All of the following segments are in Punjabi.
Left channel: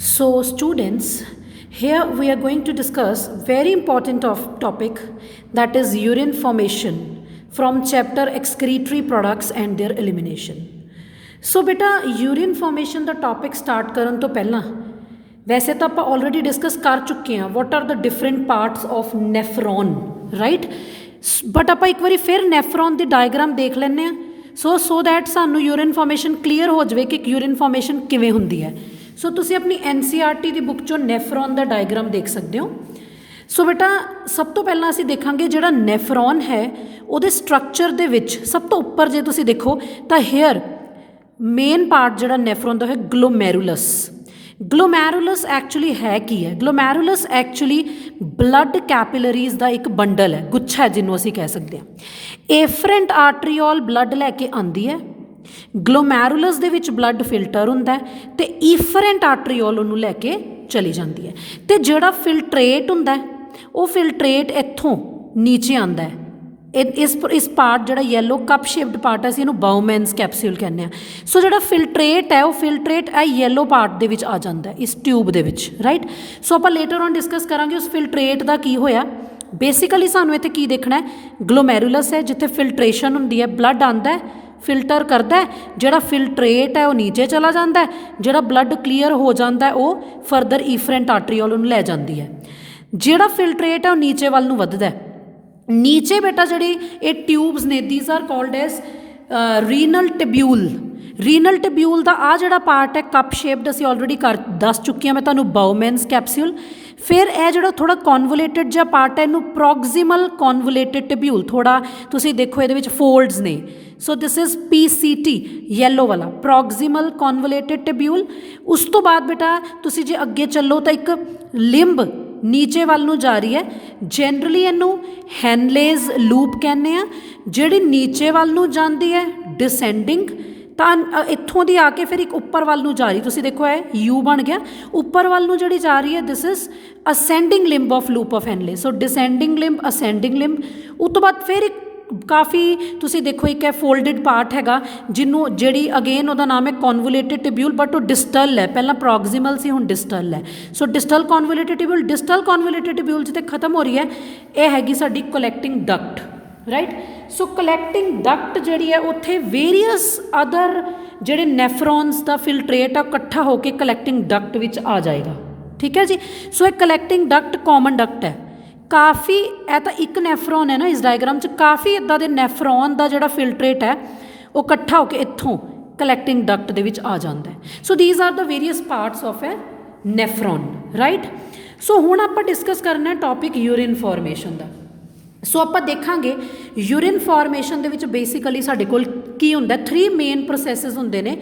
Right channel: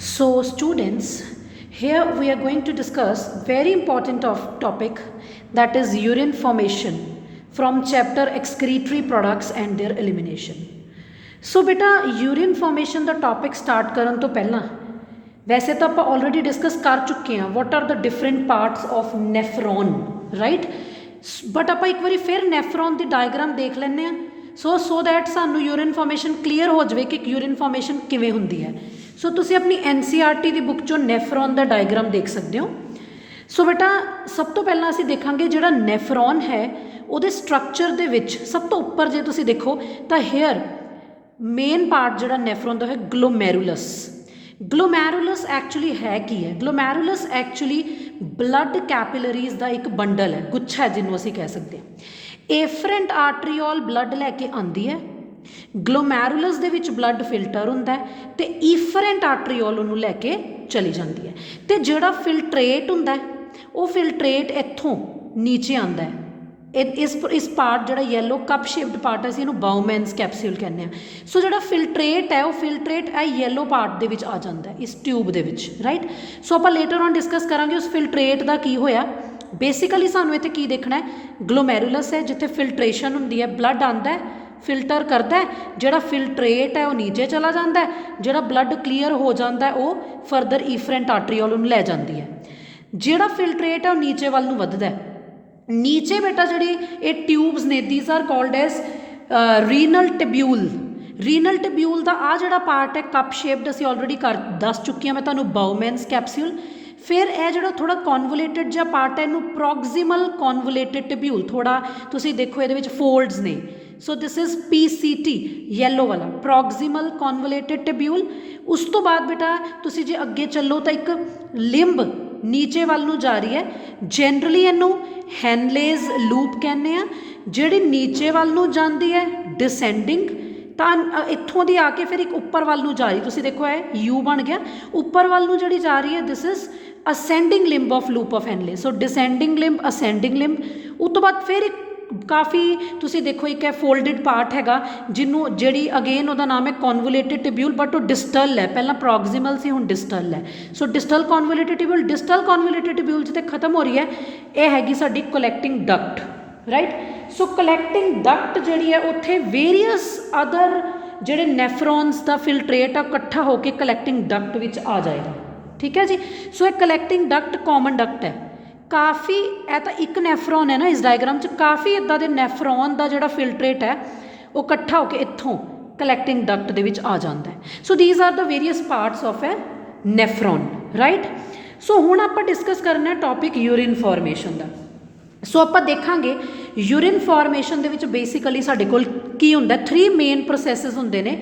So students, here we are going to discuss very important topic, that is urine formation from chapter excretory products and their elimination. So beta urine formation the topic start ਕਰਨ ਤੋਂ ਪਹਿਲਾਂ ਵੈਸੇ ਤਾਂ ਆਪਾਂ already discuss ਕਰ ਚੁੱਕੇ ਹਾਂ what are the different parts of nephron, right? But ਆਪਾਂ ਇੱਕ ਵਾਰੀ ਫਿਰ nephron ਦੀ diagram ਦੇਖ ਲੈਂਦੇ ਹਾਂ so that ਸਾਨੂੰ urine formation clear ਹੋ ਜਾਵੇ ਕਿ urine formation ਕਿਵੇਂ ਹੁੰਦੀ ਹੈ। ਸੋ ਤੁਸੀਂ ਆਪਣੀ NCERT ਦੀ ਬੁੱਕ 'ਚੋਂ ਨੈਫਰੋਨ ਦਾ ਡਾਇਗਰਾਮ ਦੇਖ ਸਕਦੇ ਹੋ। ਸੋ ਬੇਟਾ ਸਭ ਤੋਂ ਪਹਿਲਾਂ ਅਸੀਂ ਦੇਖਾਂਗੇ ਜਿਹੜਾ ਨੈਫਰੋਨ ਹੈ ਉਹਦੇ ਸਟਰਕਚਰ ਦੇ ਵਿੱਚ ਸਭ ਤੋਂ ਉੱਪਰ ਜੇ ਤੁਸੀਂ ਦੇਖੋ ਤਾਂ ਹੇਅਰ ਮੇਨ ਪਾਰਟ ਜਿਹੜਾ ਨੈਫਰੋਨ ਦਾ ਹੈ ਗਲੋਮੈਰੂਲਸ। ਗਲੋਮੈਰੂਲਸ ਐਕਚੁਅਲੀ ਹੈ ਕੀ ਹੈ? ਗਲੋਮੈਰੂਲਸ ਐਕਚੁਅਲੀ ਬਲੱਡ ਕੈਪਿਲਰੀਜ਼ ਦਾ ਇੱਕ ਬੰਡਲ ਹੈ, ਗੁੱਛਾ ਜਿਹਨੂੰ ਅਸੀਂ ਕਹਿ ਸਕਦੇ ਹਾਂ। ਏਫਰੈਂਟ ਆਰਟਰੀਓਲ ਬਲੱਡ ਲੈ ਕੇ ਆਉਂਦੀ ਹੈ, ਗਲੋਮੈਰੂਲਸ ਦੇ ਵਿੱਚ ਬਲੱਡ ਫਿਲਟਰ ਹੁੰਦਾ ਅਤੇ ਈਫਰੈਂਟ ਆਰਟਰੀਓਲ ਉਹਨੂੰ ਲੈ ਕੇ ਚਲੀ ਜਾਂਦੀ ਹੈ। ਅਤੇ ਜਿਹੜਾ ਫਿਲਟਰੇਟ ਹੁੰਦਾ ਉਹ ਫਿਲਟਰੇਟ ਇੱਥੋਂ ਨੀਚੇ ਆਉਂਦਾ ਹੈ। ਇਸ ਪਾਰਟ ਜਿਹੜਾ ਯੈਲੋ ਕੱਪ ਸ਼ੇਪਡ ਪਾਰਟ ਅਸੀਂ ਇਹਨੂੰ ਬਾਊਮੈਨਸ ਕੈਪਸੂਲ ਕਹਿੰਦੇ ਹਾਂ। ਸੋ ਜਿਹੜਾ ਫਿਲਟਰੇਟ ਹੈ ਉਹ ਫਿਲਟਰੇਟ ਇਹ ਯੈਲੋ ਪਾਰਟ ਦੇ ਵਿੱਚ ਆ ਜਾਂਦਾ ਇਸ ਟਿਊਬ ਦੇ ਵਿੱਚ, ਰਾਈਟ। ਸੋ ਆਪਾਂ ਲੇਟਰ ਔਨ ਡਿਸਕਸ ਕਰਾਂਗੇ ਉਸ ਫਿਲਟਰੇਟ ਦਾ ਕੀ ਹੋਇਆ। ਬੇਸਿਕਲੀ ਸਾਨੂੰ ਇੱਥੇ ਕੀ ਦੇਖਣਾ ਹੈ, ਗਲੋਮੈਰੂਲਸ ਹੈ ਜਿੱਥੇ ਫਿਲਟਰੇਸ਼ਨ ਹੁੰਦੀ ਹੈ, ਬਲੱਡ ਆਉਂਦਾ ਫਿਲਟਰ ਕਰਦਾ, ਜਿਹੜਾ ਫਿਲਟਰੇਟ ਹੈ ਉਹ ਨੀਚੇ ਚਲਾ ਜਾਂਦਾ, ਜਿਹੜਾ ਬਲੱਡ ਕਲੀਅਰ ਹੋ ਜਾਂਦਾ ਉਹ ਫਰਦਰ ਈਫਰੈਂਟ ਆਰਟਰੀਓਲ ਨੂੰ ਲੈ ਜਾਂਦੀ ਹੈ। ਜਿਹੜਾ ਫਿਲਟਰੇਟ ਹੈ ਉਹ ਨੀਚੇ ਵੱਲ ਨੂੰ ਵੱਧਦਾ। ਨੀਚੇ ਬੇਟਾ ਜਿਹੜੀ ਇਹ ਟਿਊਬਸ ਨੇ these are called as renal tubule. Renal tubule ਦਾ ਆ ਜਿਹੜਾ ਪਾਰਟ ਹੈ ਕੱਪ ਸ਼ੇਪਡ ਅਸੀਂ ਆਲਰੇਡੀ ਦੱਸ ਚੁੱਕੀ ਹਾਂ ਮੈਂ ਤੁਹਾਨੂੰ, ਬਾਊਮੈਨਸ ਕੈਪਸੂਲ। ਫਿਰ ਇਹ ਜਿਹੜਾ ਥੋੜ੍ਹਾ ਕੌਨਵੋਲੇਟਡ ਜਿਹਾ ਪਾਰਟ ਹੈ ਇਹਨੂੰ ਪ੍ਰੋਗਜ਼ੀਮਲ ਕੌਨਵੋਲੇਟਡ ਟਿਬਿਊਲ, ਥੋੜ੍ਹਾ ਤੁਸੀਂ ਦੇਖੋ ਇਹਦੇ ਵਿੱਚ ਫੋਲਡਸ ਨੇ। ਸੋ ਦਿਸ ਇਜ਼ PCT ਯੈਲੋ ਵਾਲਾ, ਪ੍ਰੋਗਜ਼ੀਮਲ ਕੌਨਵੋਲੇਟਡ ਟਿਬਿਊਲ। ਉਸ ਤੋਂ ਬਾਅਦ ਬੇਟਾ ਤੁਸੀਂ ਜੇ ਅੱਗੇ ਚੱਲੋ ਤਾਂ ਇੱਕ ਲਿੰਬ ਨੀਚੇ ਵੱਲ ਨੂੰ ਜਾ ਰਹੀ ਹੈ, ਜਨਰਲੀ ਇਹਨੂੰ ਹੈਨਲੇਜ਼ ਲੂਪ ਕਹਿੰਦੇ ਆ, ਜਿਹੜੀ ਨੀਚੇ ਵੱਲ ਨੂੰ ਜਾਂਦੀ ਹੈ ਡਿਸੈਂਡਿੰਗ। ਤਾਂ ਇੱਥੋਂ ਦੀ ਆ ਕੇ ਫਿਰ ਇੱਕ ਉੱਪਰ ਵੱਲ ਨੂੰ ਜਾ ਰਹੀ, ਤੁਸੀਂ ਦੇਖੋ ਇਹ U ਬਣ ਗਿਆ, ਉੱਪਰ ਵੱਲ ਨੂੰ ਜਿਹੜੀ ਜਾ ਰਹੀ ਹੈ this is ascending limb of loop of Henle. So descending limb, ascending limb. ਉਸ ਤੋਂ ਬਾਅਦ ਫਿਰ ਇੱਕ ਕਾਫੀ ਤੁਸੀਂ ਦੇਖੋ ਇੱਕ ਹੈ ਫੋਲਡਡ ਪਾਰਟ ਹੈਗਾ ਜਿਹਨੂੰ ਜਿਹੜੀ ਅਗੇਨ ਉਹਦਾ ਨਾਮ ਹੈ ਕੌਨਵੋਲੇਟਡ ਟਿਬਿਊਲ, ਬਟ ਉਹ ਡਿਸਟਲ ਹੈ, ਪਹਿਲਾਂ ਪ੍ਰੋਗਜ਼ੀਮਲ ਸੀ ਹੁਣ ਡਿਸਟਲ ਹੈ। ਸੋ ਡਿਸਟਲ ਕੌਨਵੋਲੇਟਡ ਟਿਬਿਊਲ, ਡਿਸਟਲ ਕੌਨਵੋਲੇਟਡ ਟਿਬਿਊਲ ਜਿੱਥੇ ਖਤਮ ਹੋ ਰਹੀ ਹੈ ਇਹ ਹੈਗੀ ਸਾਡੀ ਕਲੈਕਟਿੰਗ ਡਕਟ, ਰਾਈਟ। ਸੋ ਕਲੈਕਟਿੰਗ ਡਕਟ ਜਿਹੜੀ ਹੈ ਉੱਥੇ ਵੇਰੀਅਸ ਅਦਰ ਜਿਹੜੇ ਨੈਫਰੋਨਸ ਦਾ ਫਿਲਟਰੇਟ ਆ ਇਕੱਠਾ ਹੋ ਕੇ ਕਲੈਕਟਿੰਗ ਡਕਟ ਵਿੱਚ ਆ ਜਾਏਗਾ, ਠੀਕ ਹੈ ਜੀ। ਸੋ ਇਹ ਕਲੈਕਟਿੰਗ ਡਕਟ ਕਾਮਨ ਡਕਟ ਹੈ। ਕਾਫੀ ਇਹ ਤਾਂ ਇੱਕ ਨੈਫਰੋਨ ਹੈ ਨਾ ਇਸ ਡਾਇਗਰਾਮ 'ਚ, ਕਾਫੀ ਇੱਦਾਂ ਦੇ ਨੈਫਰੋਨ ਦਾ ਜਿਹੜਾ ਫਿਲਟਰੇਟ ਹੈ ਉਹ ਇਕੱਠਾ ਹੋ ਕੇ ਇੱਥੋਂ ਕਲੈਕਟਿੰਗ ਡਕਟ ਦੇ ਵਿੱਚ ਆ ਜਾਂਦਾ। So these are the various parts of a nephron, right. So ਹੁਣ ਆਪਾਂ ਡਿਸਕਸ ਕਰਨਾ ਟੌਪਿਕ ਯੂਰਿਨ ਫਾਰਮੇਸ਼ਨ ਦਾ। ਸੋ ਆਪਾਂ ਦੇਖਾਂਗੇ ਯੂਰਿਨ ਫਾਰਮੇਸ਼ਨ ਦੇ ਵਿੱਚ ਬੇਸਿਕਲੀ ਸਾਡੇ ਕੋਲ ਕੀ ਹੁੰਦਾ, 3 ਮੇਨ ਪ੍ਰੋਸੈਸਿਸ ਹੁੰਦੇ ਨੇ,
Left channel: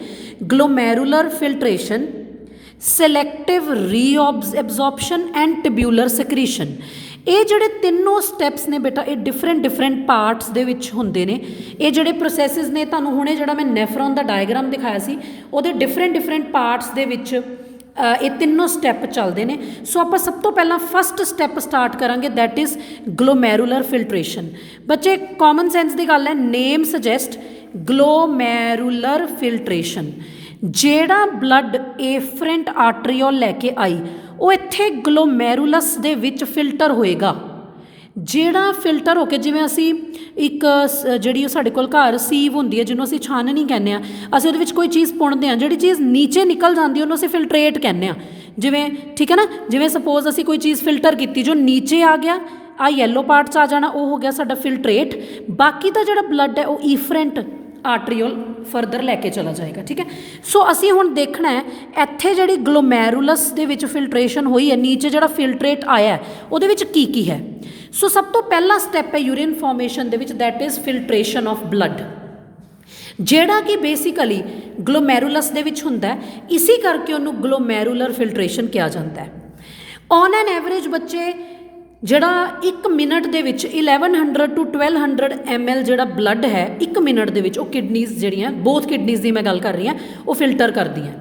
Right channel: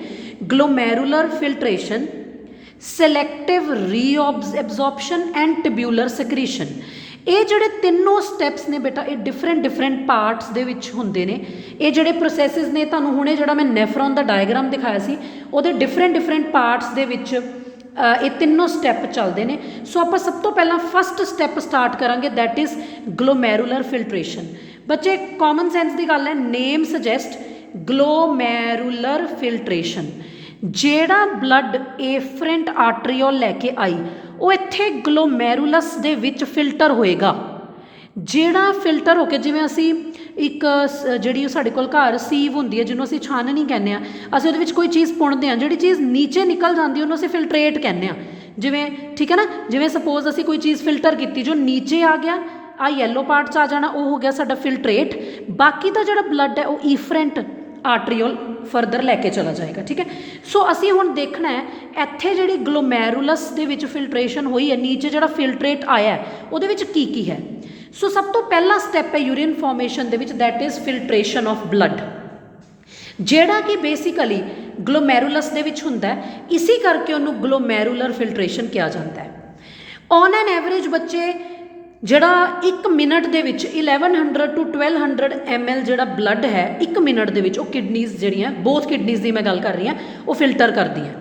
ਗਲੋਮੈਰੂਲਰ ਫਿਲਟਰੇਸ਼ਨ, ਸਿਲੈਕਟਿਵ ਰੀਅਬਜ਼ੌਰਪਸ਼ਨ ਐਂਡ ਟਿਬਿਊਲਰ ਸਕ੍ਰੀਸ਼ਨ। ਇਹ ਜਿਹੜੇ ਤਿੰਨੋਂ ਸਟੈਪਸ ਨੇ ਬੇਟਾ ਇਹ ਡਿਫਰੈਂਟ ਪਾਰਟਸ ਦੇ ਵਿੱਚ ਹੁੰਦੇ ਨੇ। ਇਹ ਜਿਹੜੇ ਪ੍ਰੋਸੈਸਿਸ ਨੇ ਤੁਹਾਨੂੰ ਹੁਣੇ ਜਿਹੜਾ ਮੈਂ ਨੈਫਰੋਨ ਦਾ ਡਾਇਗਰਾਮ ਦਿਖਾਇਆ ਸੀ ਉਹਦੇ ਡਿਫਰੈਂਟ ਪਾਰਟਸ ਦੇ ਵਿੱਚ ਇਹ ਤਿੰਨੋਂ ਸਟੈਪ ਚੱਲਦੇ ਨੇ। ਸੋ ਆਪਾਂ ਸਭ ਤੋਂ ਪਹਿਲਾਂ ਫਸਟ ਸਟੈਪ ਸਟਾਰਟ ਕਰਾਂਗੇ, ਦੈਟ ਇਜ਼ ਗਲੋਮੈਰੂਲਰ ਫਿਲਟਰੇਸ਼ਨ। ਬੱਚੇ ਕਾਮਨ ਸੈਂਸ ਦੀ ਗੱਲ ਹੈ, ਨੇਮ ਸੁਜੈਸਟ ਗਲੋਮੈਰੂਲਰ ਫਿਲਟਰੇਸ਼ਨ। ਜਿਹੜਾ ਬਲੱਡ ਏਫਰੈਂਟ ਆਰਟਰੀਓਲ ਲੈ ਕੇ ਆਈ ਉਹ ਇੱਥੇ ਗਲੋਮੈਰੂਲਸ ਦੇ ਵਿੱਚ ਫਿਲਟਰ ਹੋਏਗਾ। ਜਿਹੜਾ ਫਿਲਟਰ ਹੋ ਕੇ ਜਿਵੇਂ ਅਸੀਂ ਇੱਕ ਜਿਹੜੀ ਉਹ ਸਾਡੇ ਕੋਲ ਘਰ ਸੀਵ ਹੁੰਦੀ ਹੈ ਜਿਹਨੂੰ ਅਸੀਂ ਛਾਨਣੀ ਕਹਿੰਦੇ ਹਾਂ, ਅਸੀਂ ਉਹਦੇ ਵਿੱਚ ਕੋਈ ਚੀਜ਼ ਪੁਣਦੇ ਹਾਂ, ਜਿਹੜੀ ਚੀਜ਼ ਨੀਚੇ ਨਿਕਲ ਜਾਂਦੀ ਉਹਨੂੰ ਅਸੀਂ ਫਿਲਟਰੇਟ ਕਹਿੰਦੇ ਹਾਂ। ਜਿਵੇਂ ਠੀਕ ਹੈ ਨਾ, ਜਿਵੇਂ ਸਪੋਜ਼ ਅਸੀਂ ਕੋਈ ਚੀਜ਼ ਫਿਲਟਰ ਕੀਤੀ ਜੋ ਨੀਚੇ ਆ ਗਿਆ ਆ ਯੈਲੋ ਪਾਰਟ 'ਚ ਆ ਜਾਣਾ, ਉਹ ਹੋ ਗਿਆ ਸਾਡਾ ਫਿਲਟਰੇਟ। ਬਾਕੀ ਦਾ ਜਿਹੜਾ ਬਲੱਡ ਹੈ ਉਹ ਈਫਰੈਂਟ ਆਰਟਰੀਓਲ ਫਰਦਰ ਲੈ ਕੇ ਚਲਾ ਜਾਏਗਾ, ਠੀਕ ਹੈ। ਸੋ ਅਸੀਂ ਹੁਣ ਦੇਖਣਾ ਹੈ ਇੱਥੇ ਜਿਹੜੀ ਗਲੋਮੈਰੂਲਸ ਦੇ ਵਿੱਚ ਫਿਲਟਰੇਸ਼ਨ ਹੋਈ ਹੈ, ਨੀਚੇ ਜਿਹੜਾ ਫਿਲਟਰੇਟ ਆਇਆ ਉਹਦੇ ਵਿੱਚ ਕੀ ਕੀ ਹੈ। ਸੋ ਸਭ ਤੋਂ ਪਹਿਲਾ ਸਟੈਪ ਹੈ ਯੂਰਿਨ ਫਾਰਮੇਸ਼ਨ ਦੇ ਵਿੱਚ, that is filtration of blood, ਜਿਹੜਾ ਕਿ ਬੇਸਿਕਲੀ ਗਲੋਮੈਰੂਲਸ ਦੇ ਵਿੱਚ ਹੁੰਦਾ ਹੈ। ਇਸੇ ਕਰਕੇ ਉਹਨੂੰ ਗਲੋਮੈਰੂਲਰ ਫਿਲਟਰੇਸ਼ਨ ਕਿਹਾ ਜਾਂਦਾ ਹੈ। ਔਨ ਐਨ ਐਵਰੇਜ ਬੱਚੇ ਜਿਹੜਾ 1 ਮਿੰਟ ਦੇ ਵਿੱਚ 1100 to 1200 ml ਜਿਹੜਾ ਬਲੱਡ ਹੈ 1 ਮਿੰਟ ਦੇ ਵਿੱਚ ਉਹ ਕਿਡਨੀਜ਼ ਜਿਹੜੀਆਂ, ਬੋਥ ਕਿਡਨੀਜ਼ ਦੀ ਮੈਂ ਗੱਲ ਕਰ ਰਹੀ ਹਾਂ, ਉਹ ਫਿਲਟਰ ਕਰਦੀਆਂ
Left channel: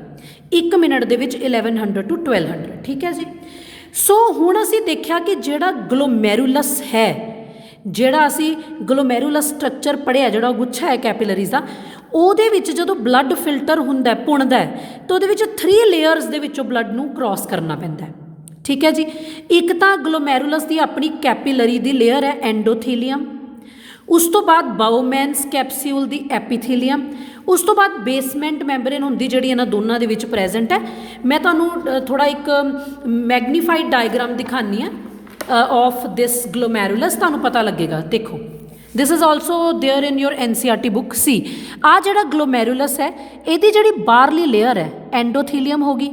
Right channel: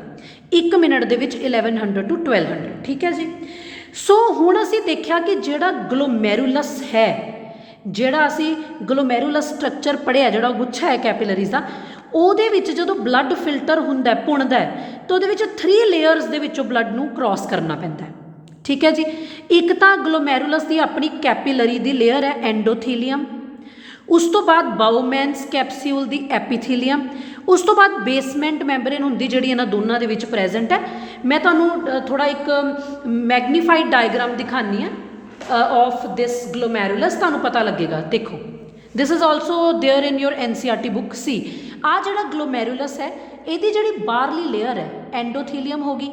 1 ਮਿੰਟ ਦੇ ਵਿੱਚ 1100 to 1200, ਠੀਕ ਹੈ ਜੀ। ਸੋ ਹੁਣ ਅਸੀਂ ਦੇਖਿਆ ਕਿ ਜਿਹੜਾ ਗਲੋਮੈਰੂਲਸ ਹੈ, ਜਿਹੜਾ ਅਸੀਂ ਗਲੋਮੈਰੂਲਸ ਸਟਰਕਚਰ ਪੜ੍ਹਿਆ, ਜਿਹੜਾ ਗੁੱਛਾ ਹੈ ਕੈਪਿਲਰੀਜ਼ ਦਾ, ਉਹਦੇ ਵਿੱਚ ਜਦੋਂ ਬਲੱਡ ਫਿਲਟਰ ਹੁੰਦਾ ਪੁਣਦਾ ਤਾਂ ਉਹਦੇ ਵਿੱਚ 3 ਲੇਅਰਸ ਦੇ ਵਿੱਚੋਂ ਬਲੱਡ ਨੂੰ ਕ੍ਰਾਸ ਕਰਨਾ ਪੈਂਦਾ। ਠੀਕ ਹੈ ਜੀ। ਇੱਕ ਤਾਂ ਗਲੋਮੈਰੂਲਸ ਦੀ ਆਪਣੀ ਕੈਪੀਲਰੀ ਦੀ ਲੇਅਰ ਹੈ ਐਂਡੋਥੀਲੀਅਮ, ਉਸ ਤੋਂ ਬਾਅਦ ਬਾਊਮੈਨਸ ਕੈਪਸਿਊਲ ਦੀ ਐਪੀਥੀਲੀਅਮ, ਉਸ ਤੋਂ ਬਾਅਦ ਬੇਸਮੈਂਟ ਮੈਂਬਰੇਨ ਹੁੰਦੀ ਜਿਹੜੀ ਇਹਨਾਂ ਦੋਨਾਂ ਦੇ ਵਿੱਚ ਪ੍ਰੈਜ਼ੈਂਟ ਹੈ। ਮੈਂ ਤੁਹਾਨੂੰ ਥੋੜ੍ਹਾ ਇੱਕ ਮੈਗਨੀਫਾਈਡ ਡਾਇਗਰਾਮ ਦਿਖਾਉਂਦੀ ਹਾਂ ਆਫ ਦਿਸ ਗਲੋਮੈਰੂਲਸ, ਤੁਹਾਨੂੰ ਪਤਾ ਲੱਗੇਗਾ। ਦੇਖੋ this is also there in your NCERT book. See ਆਹ ਜਿਹੜਾ ਗਲੋਮੈਰੂਲਸ ਹੈ ਇਹਦੀ ਜਿਹੜੀ ਬਾਹਰਲੀ ਲੇਅਰ ਹੈ ਐਂਡੋਥੀਲੀਅਮ ਹੋ ਗਈ,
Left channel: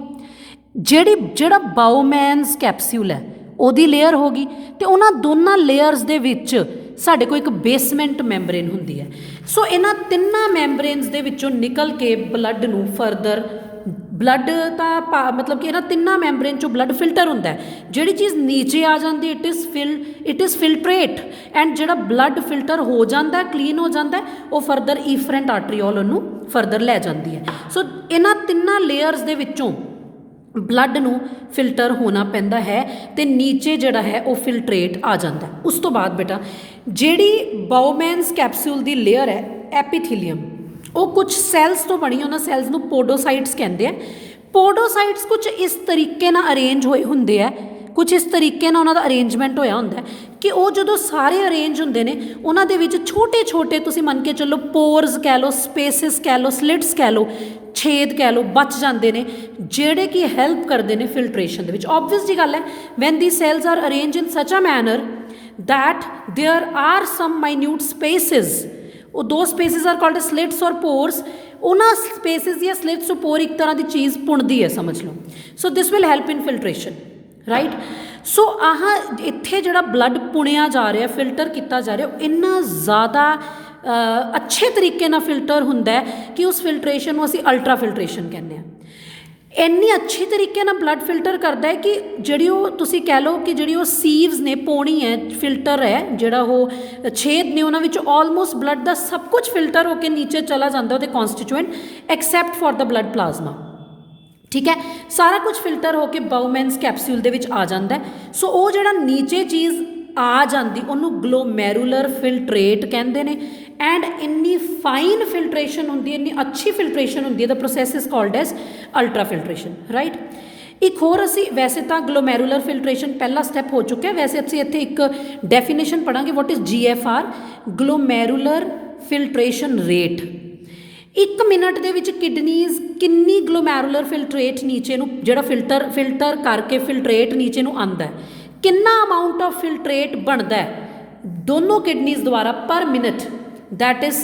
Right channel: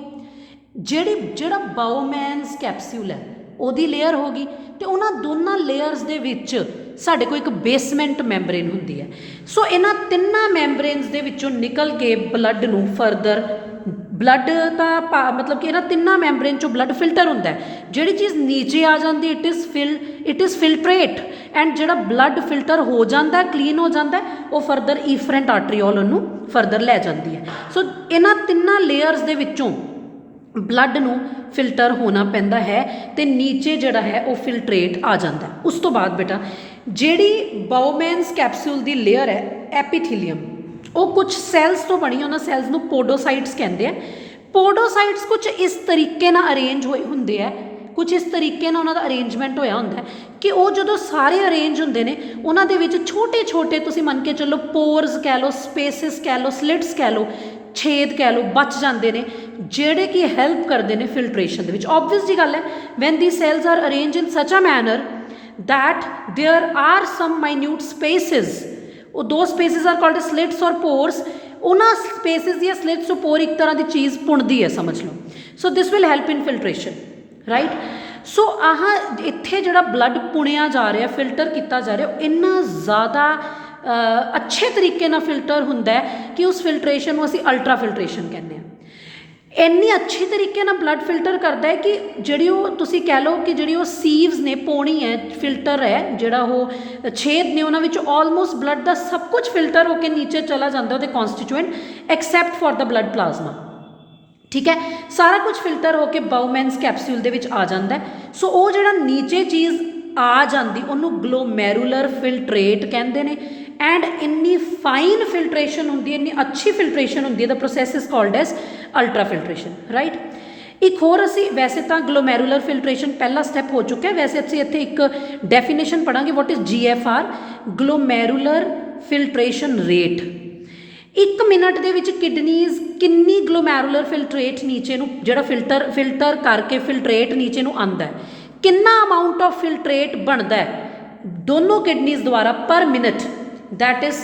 ਜਿਹੜਾ ਬਾਊਮੈਨਸ ਕੈਪਸਿਊਲ ਹੈ ਉਹਦੀ ਲੇਅਰ ਹੋ ਗਈ, ਅਤੇ ਉਹਨਾਂ ਦੋਨਾਂ ਲੇਅਰਸ ਦੇ ਵਿੱਚ ਸਾਡੇ ਕੋਲ ਇੱਕ ਬੇਸਮੈਂਟ ਮੈਂਬਰੇਨ ਹੁੰਦੀ ਹੈ। ਸੋ ਇਹਨਾਂ ਤਿੰਨਾਂ ਮੈਂਬਰੇਨਸ ਦੇ ਵਿੱਚੋਂ ਨਿਕਲ ਕੇ ਬਲੱਡ ਨੂੰ ਫਰਦਰ ਬਲੱਡ ਤਾਂ ਮਤਲਬ ਕਿ ਇਹਨਾਂ ਤਿੰਨਾਂ ਮੈਂਬਰੇਨ 'ਚੋਂ ਬਲੱਡ ਫਿਲਟਰ ਹੁੰਦਾ ਹੈ। ਜਿਹੜੀ ਚੀਜ਼ ਨੀਚੇ ਆ ਜਾਂਦੀ ਇਟ ਇਜ਼ ਫਿਲਟਰੇਟ, ਐਂਡ ਜਿਹੜਾ ਬਲੱਡ ਫਿਲਟਰ ਹੋ ਜਾਂਦਾ ਕਲੀਨ ਹੋ ਜਾਂਦਾ ਉਹ ਫਰਦਰ ਈਫਰੈਂਟ ਆਰਟਰੀਓਲ ਉਹਨੂੰ ਫਰਦਰ ਲੈ ਜਾਂਦੀ ਹੈ। ਸੋ ਇਹਨਾਂ ਤਿੰਨਾਂ ਲੇਅਰਸ ਦੇ ਵਿੱਚੋਂ ਬਲੱਡ ਨੂੰ ਫਿਲਟਰ ਹੋਣਾ ਪੈਂਦਾ ਹੈ ਅਤੇ ਨੀਚੇ ਜਿਹੜਾ ਹੈ ਉਹ ਫਿਲਟਰੇਟ ਆ ਜਾਂਦਾ। ਉਸ ਤੋਂ ਬਾਅਦ ਬੇਟਾ ਜਿਹੜੀ ਬਾਊਮੈਨਸ ਕੈਪਸੂਲ ਦੀ ਲੇਅਰ ਹੈ ਐਪੀਥੀਲੀਅਮ, ਉਹ ਕੁਝ ਸੈਲਸ ਤੋਂ ਬਣੀ, ਉਹਨਾਂ ਸੈਲਸ ਨੂੰ ਪੋਡੋਸਾਈਟਸ ਕਹਿੰਦੇ ਆ। ਪੋਡੋਸਾਈਟਸ ਕੁਝ ਇਸ ਤਰੀਕੇ ਨਾਲ ਅਰੇਂਜ ਹੋਏ ਹੁੰਦੇ ਆ, ਕੁਝ ਇਸ ਤਰੀਕੇ ਨਾਲ ਉਹਨਾਂ ਦਾ ਅਰੇਂਜਮੈਂਟ ਹੋਇਆ ਹੁੰਦਾ ਕਿ ਉਹ ਜਦੋਂ ਸਾਰੇ ਅਰੇਂਜ ਹੁੰਦੇ ਨੇ ਉਹਨਾਂ ਦੇ ਵਿੱਚ ਛੋਟੇ ਛੋਟੇ ਤੁਸੀਂ ਮੰਨ ਕੇ ਚੱਲੋ ਪੋਰਸ ਕਹਿ ਲਓ, ਸਪੇਸਿਸ ਕਹਿ ਲਓ, ਸਲਿਟਸ ਕਹਿ ਲਓ, ਛੇਦ ਕਹਿ ਲਓ, ਬਚ ਜਾਂਦੇ ਨੇ ਜਿਹੜੇ ਕਿ ਹੈਲਪ ਕਰਦੇ ਨੇ ਫਿਲਟਰੇਸ਼ਨ ਦੇ ਵਿੱਚ। ਓਬਵੀਅਸ ਜੀ ਗੱਲ ਹੈ when the cells are arrange in such a manner that there are some minute spaces, ਉਹ ਦੋ ਸਪੇਸਿਸ ਆਰ ਕਾਲਡ ਸਲਿਟਸ ਔਰ ਪੋਰਸ, ਉਹਨਾਂ ਸਪੇਸਿਸ ਦੀਆਂ ਸਲਿਟਸ ਤੋਂ ਪੋਰ ਇੱਕ ਤਰ੍ਹਾਂ ਦੀ ਚੀਜ਼ ਪੁਣਦੀ ਹੈ ਸਮਝ ਲਓ। So this will help in filtration, right. So ਆਹ ਇੱਥੇ ਜਿਹੜਾ ਬਲੱਡ ਪੁਣਿਆ ਜਾ ਰਿਹਾ, ਫਿਲਟਰ ਕੀਤਾ ਜਾ ਰਿਹਾ, ਇੰਨਾ ਜ਼ਿਆਦਾ ਅੱਛੇ ਤਰੀਕੇ ਨਾਲ ਫਿਲਟਰ ਹੁੰਦਾ ਕਿ ਉਸ ਫਿਲਟਰੇਸ਼ਨ ਨੂੰ ਅਸੀਂ ਅਲਟਰਾ ਫਿਲਟਰੇਸ਼ਨ ਕਹਿੰਦੇ ਹਾਂ। ਇੰਨੀ ਅੱਛੀ ਤਰੀਕੇ ਨਾਲ ਬਲੱਡ ਫਿਲਟਰ ਕਰਦਾ ਹੈ ਕਿ ਜਿਹੜੀ ਉਹ ਤੁਸੀਂ ਕਹਿ ਲਓ ਕਿ ਜਿਹੜੀ ਉਹ ਸੀਵਸ ਨੇ, ਪੌਣੀ ਹੈ, ਫਿਲਟਰ ਹੈ, ਜਿਹੜਾ ਉਹ ਛੇਦ ਨੇ ਉਹਨਾਂ ਵਿੱਚ ਆਲਮੋਸਟ ਬਲੱਡ ਦਾ ਸਭ ਕੁਝ ਫਿਲਟਰ ਹੋ ਕੇ ਨੀਚੇ ਚਲਾ ਜਾਂਦਾ ਉਹਦੇ constituent except for the blood plasma. ਠੀਕ ਹੈ, ਸਾਰਾ ਕੁਝ ਫਿਲਟਰ ਹੋ ਕੇ ਬਾਊਮੈਨਸ ਕੈਪਸੂਲ ਦੇ ਵਿੱਚ ਆ ਜਾਂਦਾ। ਸੋ ਉਹ ਜਿਹੜਾ ਨੀਚੇ ਚੀਜ਼ ਆ ਜਾਂਦੀ ਉਹਨੂੰ ਗਲੋਮੈਰੂਲਰ ਫਿਲਟਰੇਟ ਕਹਿੰਦੇ ਨੇ। ਐਂਡ ਇੰਨੀ ਫਾਈਨ ਫਿਲਟਰੇਸ਼ਨ ਹੁੰਦੀ ਹੈ, ਇੰਨੀ ਅੱਛੀ ਫਿਲਟਰੇਸ਼ਨ ਹੁੰਦੀ ਹੈ, the process is called as ultra filtration, right. ਇੱਕ ਹੋਰ ਅਸੀਂ ਵੈਸੇ ਤਾਂ ਗਲੋਮੈਰੂਲਰ ਫਿਲਟਰੇਸ਼ਨ ਪਹਿਲਾ ਸਟੈਪ ਹੋ ਚੁੱਕਾ, ਵੈਸੇ ਅਸੀਂ ਇੱਥੇ ਇੱਕ ਡੈਫੀਨੇਸ਼ਨ ਪੜ੍ਹਾਂਗੇ what is GFR, glomerular filtration rate. 1 minute ਦੇ ਵਿੱਚ ਕਿਡਨੀਜ਼ ਕਿੰਨੀ ਗਲੋਮੈਰੂਲਰ ਫਿਲਟਰੇਟ ਨੀਚੇ ਨੂੰ ਜਿਹੜਾ ਫਿਲਟਰ ਕਰਕੇ ਫਿਲਟਰੇਟ ਨੀਚੇ ਨੂੰ ਆਉਂਦਾ, ਕਿੰਨਾ ਅਮਾਊਂਟ ਆਫ ਫਿਲਟਰੇਟ ਬਣਦਾ ਹੈ ਦੋਨੋਂ ਕਿਡਨੀਜ਼ ਦੁਆਰਾ ਪਰ minute, that is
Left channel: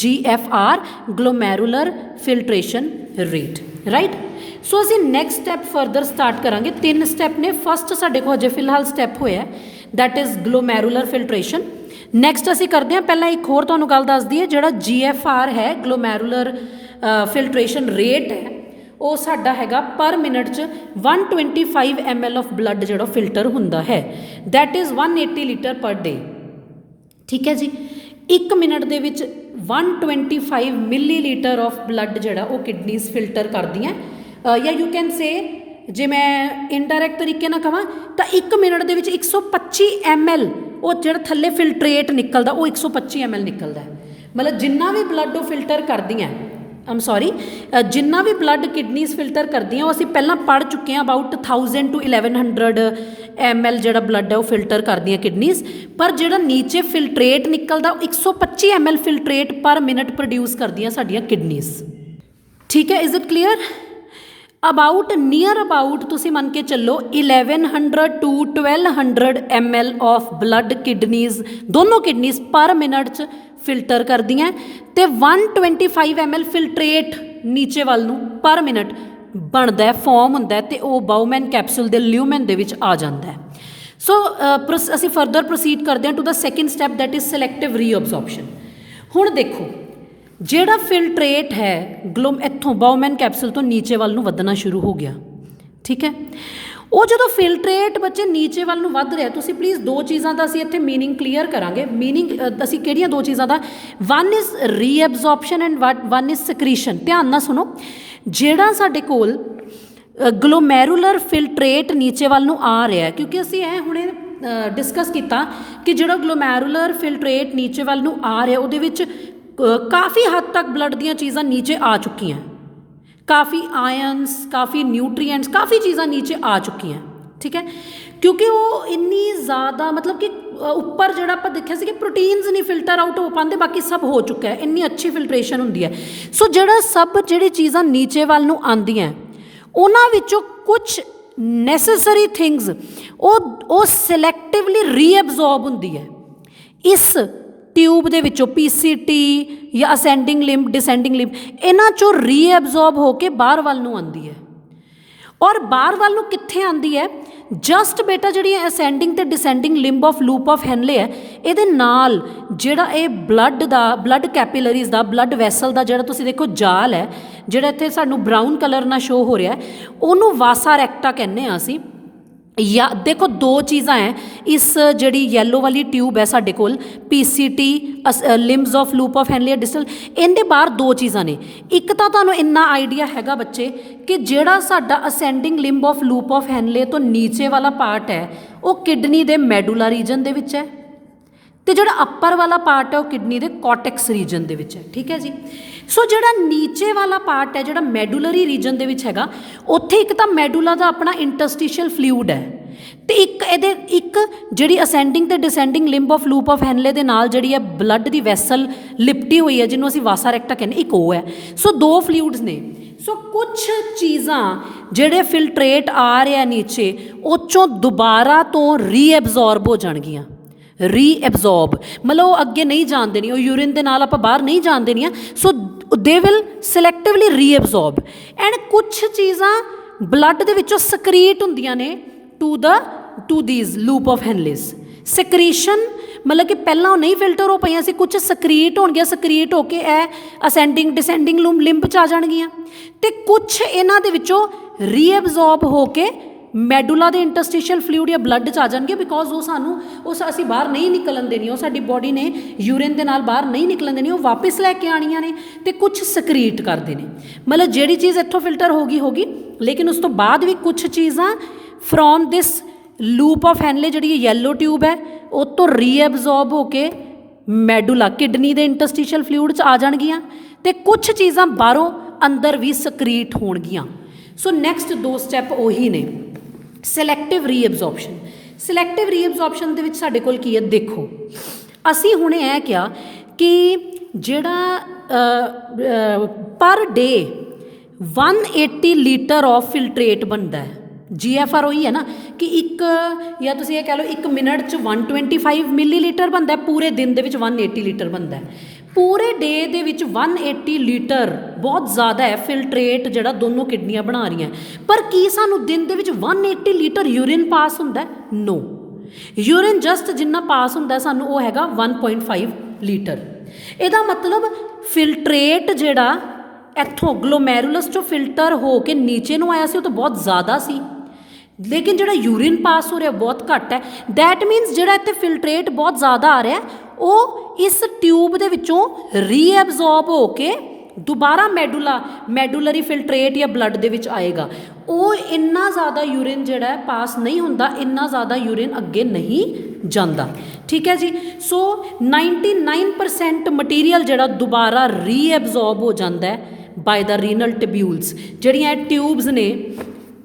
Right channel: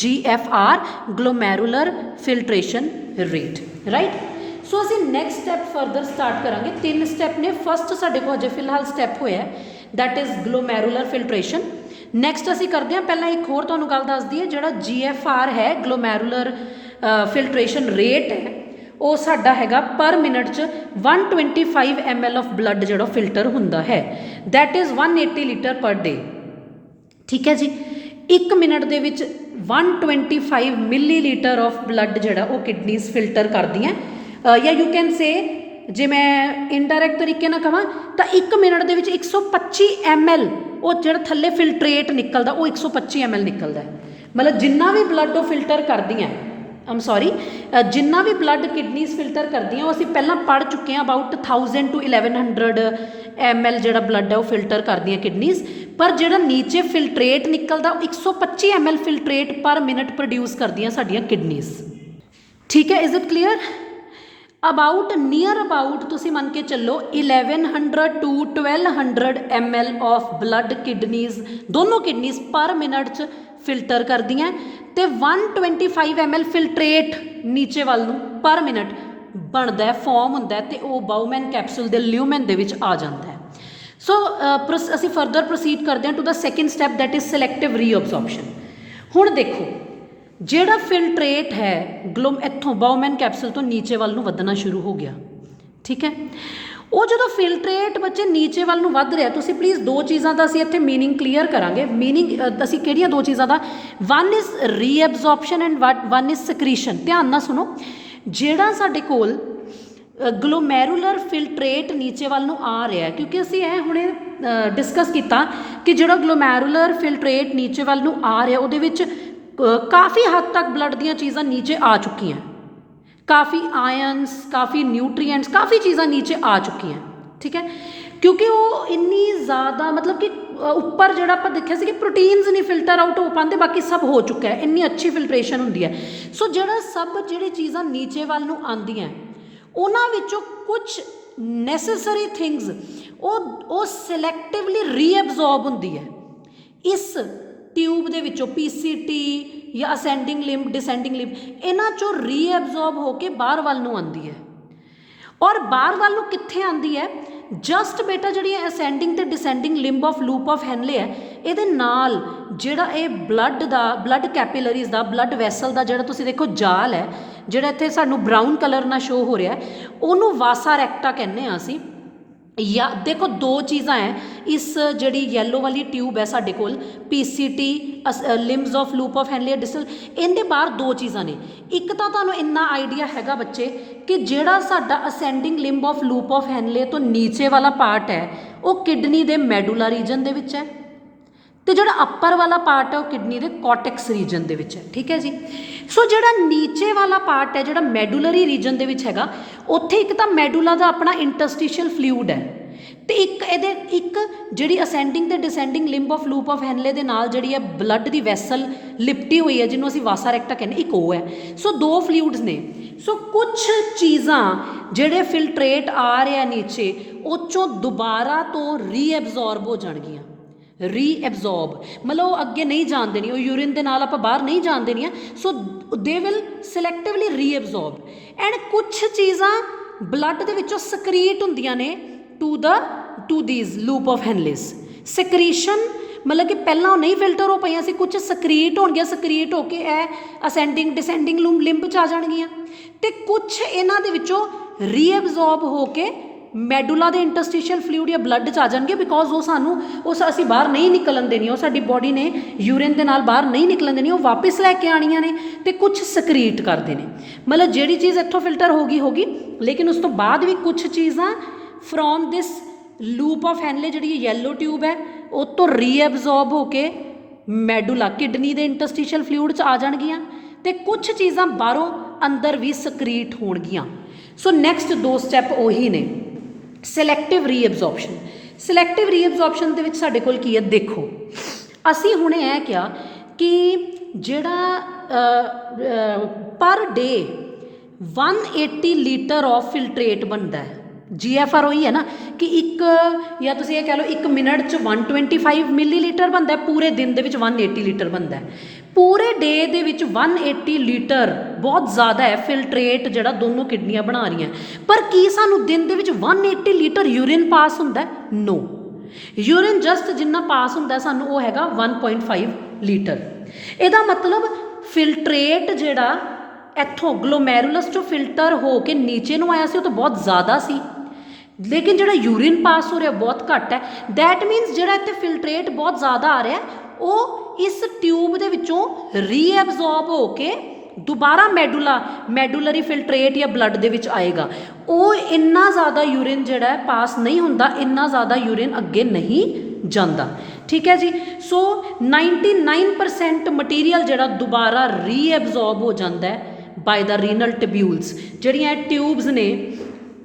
GFR, glomerular filtration rate, right। ਸੋ ਅਸੀਂ ਨੈਕਸਟ ਸਟੈਪ ਫਰਦਰ ਸਟਾਰਟ ਕਰਾਂਗੇ। 3 ਸਟੈਪ ਨੇ। ਫਸਟ ਸਾਡੇ ਕੋਲ ਅਜੇ ਫਿਲਹਾਲ ਸਟੈਪ ਹੋਇਆ that is glomerular filtration। Next ਅਸੀਂ ਕਰਦੇ ਹਾਂ, ਪਹਿਲਾਂ ਇੱਕ ਹੋਰ ਤੁਹਾਨੂੰ ਗੱਲ ਦੱਸ ਦਈਏ, ਜਿਹੜਾ GFR ਹੈ glomerular filtration rate ਹੈ, ਉਹ ਸਾਡਾ ਹੈਗਾ ਪਰ ਮਿੰਟ 'ਚ 125 ml ਆਫ ਬਲੱਡ ਜਿਹੜਾ ਫਿਲਟਰ ਹੁੰਦਾ ਹੈ, that is 180 ਲੀਟਰ ਪਰ ਡੇ। ਠੀਕ ਹੈ ਜੀ, 1 ਮਿੰਟ ਦੇ ਵਿੱਚ 125 ਮਿਲੀਲੀਟਰ ਆਫ ਬਲੱਡ ਜਿਹੜਾ ਉਹ ਕਿਡਨੀਜ਼ ਫਿਲਟਰ ਕਰਦੀਆਂ। ਜਾਂ ਯੂ ਕੈਨ ਸੇ, ਜੇ ਮੈਂ ਇਨਡਾਇਰੈਕਟ ਤਰੀਕੇ ਨਾਲ ਕਹਾਂ ਤਾਂ 1 ਮਿੰਟ ਦੇ ਵਿੱਚ 125 ml ਉਹ ਜਿਹੜਾ ਥੱਲੇ ਫਿਲਟਰੇਟ ਨਿਕਲਦਾ ਉਹ 125 ml ਨਿਕਲਦਾ। ਮਤਲਬ ਜਿੰਨਾ ਵੀ ਬਲੱਡ ਉਹ ਫਿਲਟਰ ਕਰਦੀਆਂ, ਜਿੰਨਾ ਵੀ ਬਲੱਡ ਕਿਡਨੀਜ਼ ਫਿਲਟਰ ਕਰਦੀਆਂ ਉਹ ਅਸੀਂ ਪਹਿਲਾਂ ਪੜ੍ਹ ਚੁੱਕੇ ਹਾਂ, ਅਬਾਊਟ 1000 to 1100 ml ਜਿਹੜਾ ਬਲੱਡ ਹੈ ਉਹ ਫਿਲਟਰ ਕਰਦੀਆਂ ਕਿਡਨੀਜ਼। ਪਰ ਜਿਹੜਾ ਨੀਚੇ ਫਿਲਟਰੇਟ ਨਿਕਲਦਾ 125 ml ਫਿਲਟਰੇਟ ਪਰ ਮਿੰਟ ਪ੍ਰੋਡਿਊਸ ਕਰਦੀਆਂ ਸਾਡੀਆਂ ਕਿਡਨੀਜ਼। ਠੀਕ ਹੈ, is it clear? Near about ਤੁਸੀਂ ਮੰਨ ਕੇ ਚੱਲੋ 1100 to 1200 ml of blood kidneys, ਦੋਨੋਂ ਕਿਡਨੀਜ਼ ਪਰ ਮਿੰਟ 'ਚ ਫਿਲਟਰ ਕਰਦੀਆਂ, ਅਤੇ 125 ml ਫਿਲਟਰੇਟ ਨੀਚੇ ਵੱਲ ਨੂੰ ਪਰ ਮਿੰਟ ਬਣਦਾ, ਫਾਰਮ ਹੁੰਦਾ, ਅਤੇ ਉਹ ਬਾਊਮੈਨ ਕੈਪਸੂਲ ਦੇ ਲਿਊਮਨ ਦੇ ਵਿੱਚ ਆ ਜਾਂਦਾ ਹੈ। ਸੋ ਅਸੀਂ ਫਰਦਰ ਪ੍ਰੋਸੀਡ ਕਰਦੇ ਹਾਂ to the second step, that is selective reabsorption. ਹੁਣ ਦੇਖੋ ਜਿਹੜਾ ਫਿਲਟਰੇਟ ਹੈ ਇੱਥੋਂ ਬਾਊਮੈਨ ਕੈਪਸੂਲ ਤੋਂ ਨੀਚੇ ਵੱਲ ਨੂੰ ਵਧਣਾ ਸ਼ੁਰੂ ਹੋ ਗਿਆ। ਠੀਕ ਹੈ, ਉਹ ਜਦੋਂ ਫਿਲਟਰੇਟ ਬੱਚੇ ਨੀਚੇ ਵੱਲ ਨੂੰ ਵੱਧ ਰਿਹਾ, ਤੁਸੀਂ ਪਲੀਜ਼ 2 ਚੀਜ਼ਾਂ ਦਾ ਅਸੀਂ ਇੱਥੇ ਮੀਨਿੰਗ ਕਲੀਅਰ ਕਰਾਂਗੇ। ਮੀਨਿੰਗ ਅਸੀਂ ਕਿਹੜੀਆਂ 2 ਚੀਜ਼ਾਂ ਦਾ? One is reabsorption and one is secretion. ਧਿਆਨ ਨਾਲ ਸੁਣੋ, ਜਿਹੜਾ ਸਾਡੇ ਕੋਲ ਗਲੋਮੈਰੂਲਰ ਫਿਲਟਰੇਟ ਨੀਚੇ ਵੱਲ ਨੂੰ ਆ ਰਿਹਾ, ਕਿਉਂਕਿ ਅਸੀਂ ਹੁਣੇ डिस्कस किया कि जो ग्लोमैरुलर फिल्ट्रेट नीचे वाल नूं आ रहा उहदे विच काफ़ी हद तक ब्लड दीयां चीज़ां नीचे आ चुकियां, काफ़ी आयनस, काफ़ी न्यूट्रीएंट्स, काफ़ी चीज़ां नीचे आ चुकियां, ठीक है, क्योंकि वो इन्नी ज़्यादा मतलब कि उपर जो आप देखा कि प्रोटीन्स नहीं फिल्टर आउट हो पाते, बाकी सब हो चुका है, इन्नी अच्छी फिल्ट्रेशन होंदी है। सो जो सब जी चीज़ां नीचे वाल नूं आंदियां उन्हां विचों कुछ नैसेसरी थिंग्स वो सिलैक्टिवली रीअबजॉर्ब होंदी है इस ट्यूब दे विचों, PCT या असेंडिंग लिंब, डिसेंडिंग लिंब, इन्हां चों रीअबजॉर्ब होकर बाहर वाल नूं आंदी है। और बाहर वाल नूं कित्थे आंदी है? जस्ट बेटा जी असेंडिंग ते descending limb of loop of Henle है, ये नाल जिहड़ा ये ब्लड दा, ब्लड कैपिलरीज का, ब्लड वैसल का जिहड़ा तुसीं देखो जाल है, जिहड़ा इत्थे सानूं ब्राउन कलर नाल शो हो रहा है, उहनूं वासा रैक्टा कहने असीं। या देखो दो चीज़ां हैं इस जिहड़ी येलो वाली ट्यूब है साडे कोल, PCT limbs of loop of Henle distal, इहदे बाहर दो चीज़ां ने। एक तो तुहानूं इन्ना आइडिया हैगा बच्चे कि जिहड़ा साडा ascending limb of loop of Henle तो नीचे वाला पार्ट है वो किडनी दे मैडुला रीजन दे विच है, तो जो अपर वाला पार्ट है वो किडनी के कॉर्टेक्स रीजन के है, ठीक है जी। सो जो नीचे वाला पार्ट है जो मैडुलरी रीजन के हैगा, उत्थे एक तो मैडुला का अपना इंटरस्टिशियल फ्लूइड है, तो एक जी असेंडिंग तो descending limb of loop of Henle दे नाल जिहड़ी है ब्लड की वैसल लिपटी हुई है जिन्होंने असीं वासा रैक्टा कहने, एक वो है। सो दो फ्लूइड्स ने। सो कुछ चीज़ां जिहड़े फिल्ट्रेट आ रहे हैं नीचे उस चों दोबारा तो रीअबजॉर्ब हो जाणगियां, रीअबजॉर्ब मतलब वो अगे नहीं जान देनी, वो यूरिन के नाल आपां बाहर नहीं जान देनियां। सो दे विल सिलैक्टिवली रीअबजॉर्ब एंड कुछ चीज़ां ब्लड दे विचों सकरीट हुंदियां ने टू दीज लूप ऑफ हैनलेस। सकरीशन मतलब कि पहला वो नहीं फिल्टर हो पाइयां सी, कुछ सकरीट होणगियां, सकरीट होके असेंडिंग डिसेंडिंग लिंब च आ जाणगियां, ते कुछ इन्हां दे विचों रीअबजॉर्ब होके मैडुला दे इंटरस्टिशियल फ्लूइड या ब्लड च आ जाएंगे, बिकॉज वो सानू उस असी बाहर नहीं निकलन देनी, वो साडी बॉडी ने यूरिन के नाल बाहर नहीं निकलन देनी, वो वापस लैके आनियां ने ते कुछ सकरीट करते हैं। मतलब जिहड़ी चीज़ इत्थों फिल्टर होगी, लेकिन उस तो बाद भी कुछ चीज़ां from this loop of Henle जिहड़ी येलो ट्यूब है वो तो रीअबजॉर्ब होके मैडुला किडनी के इंटरस्टिशियल फ्लूइड च आ जाणगियां, ते कुछ चीज़ां बाहरों अंदर भी सकरीट होणगियां। सो नैक्सट दो स्टैप उही ने सिलैक्टिव रीअबजॉर्प्शन। सिलैक्टिव रीअबजॉर्प्शन दे विच साडे कोल की है, देखो असी हुणे है क्या कि जिहड़ा per day 180 litre of filtrate बनता है। GFR वही है ना कि एक या तुम ये कह लो 1 मिनट च 125 मिलीलीटर बनता है, पूरे दिन दे विच 180 लीटर बनता है। पूरे डे दे विच 180 लीटर बहुत ज़्यादा है फिल्ट्रेट जिहड़ा दोनों किडनियां बना रही हैं, पर की सानू दिन दे विच 180 लीटर यूरिन पास होंदा है? नो, यूरिन जस्ट जिन्ना पास होंदा सानू वो हैगा 1.5 लीटर। इहदा मतलब फिल्ट्रेट जिहड़ा इत्थों ग्लोमेरुलस चों फिल्टर हो के नीचे नूं आया सी वो तो बहुत ज़्यादा सी, लेकिन जिहड़ा यूरिन पास हो रहा बहुत घट है। दैट मीनस जिहड़ा इत्थे फिल्ट्रेट बहुत ज़्यादा आ रहा है वो इस ट्यूब दे विचों रीअबजॉर्ब हो के दोबारा मैडुलरी फिल्ट्रेट या ब्लड दे विच आएगा। वो इन्ना ज़्यादा यूरिन जिहड़ा है पास नहीं होंदा, इन्ना ज़्यादा यूरिन अगे नहीं जाता, ठीक है जी। सो 99% मटीरियल जिहड़ा दोबारा रीअबजॉर्ब हो जाता है बाय द रीनल ट्यूब्यूल्स। जिहड़ियां ट्यूब्स ने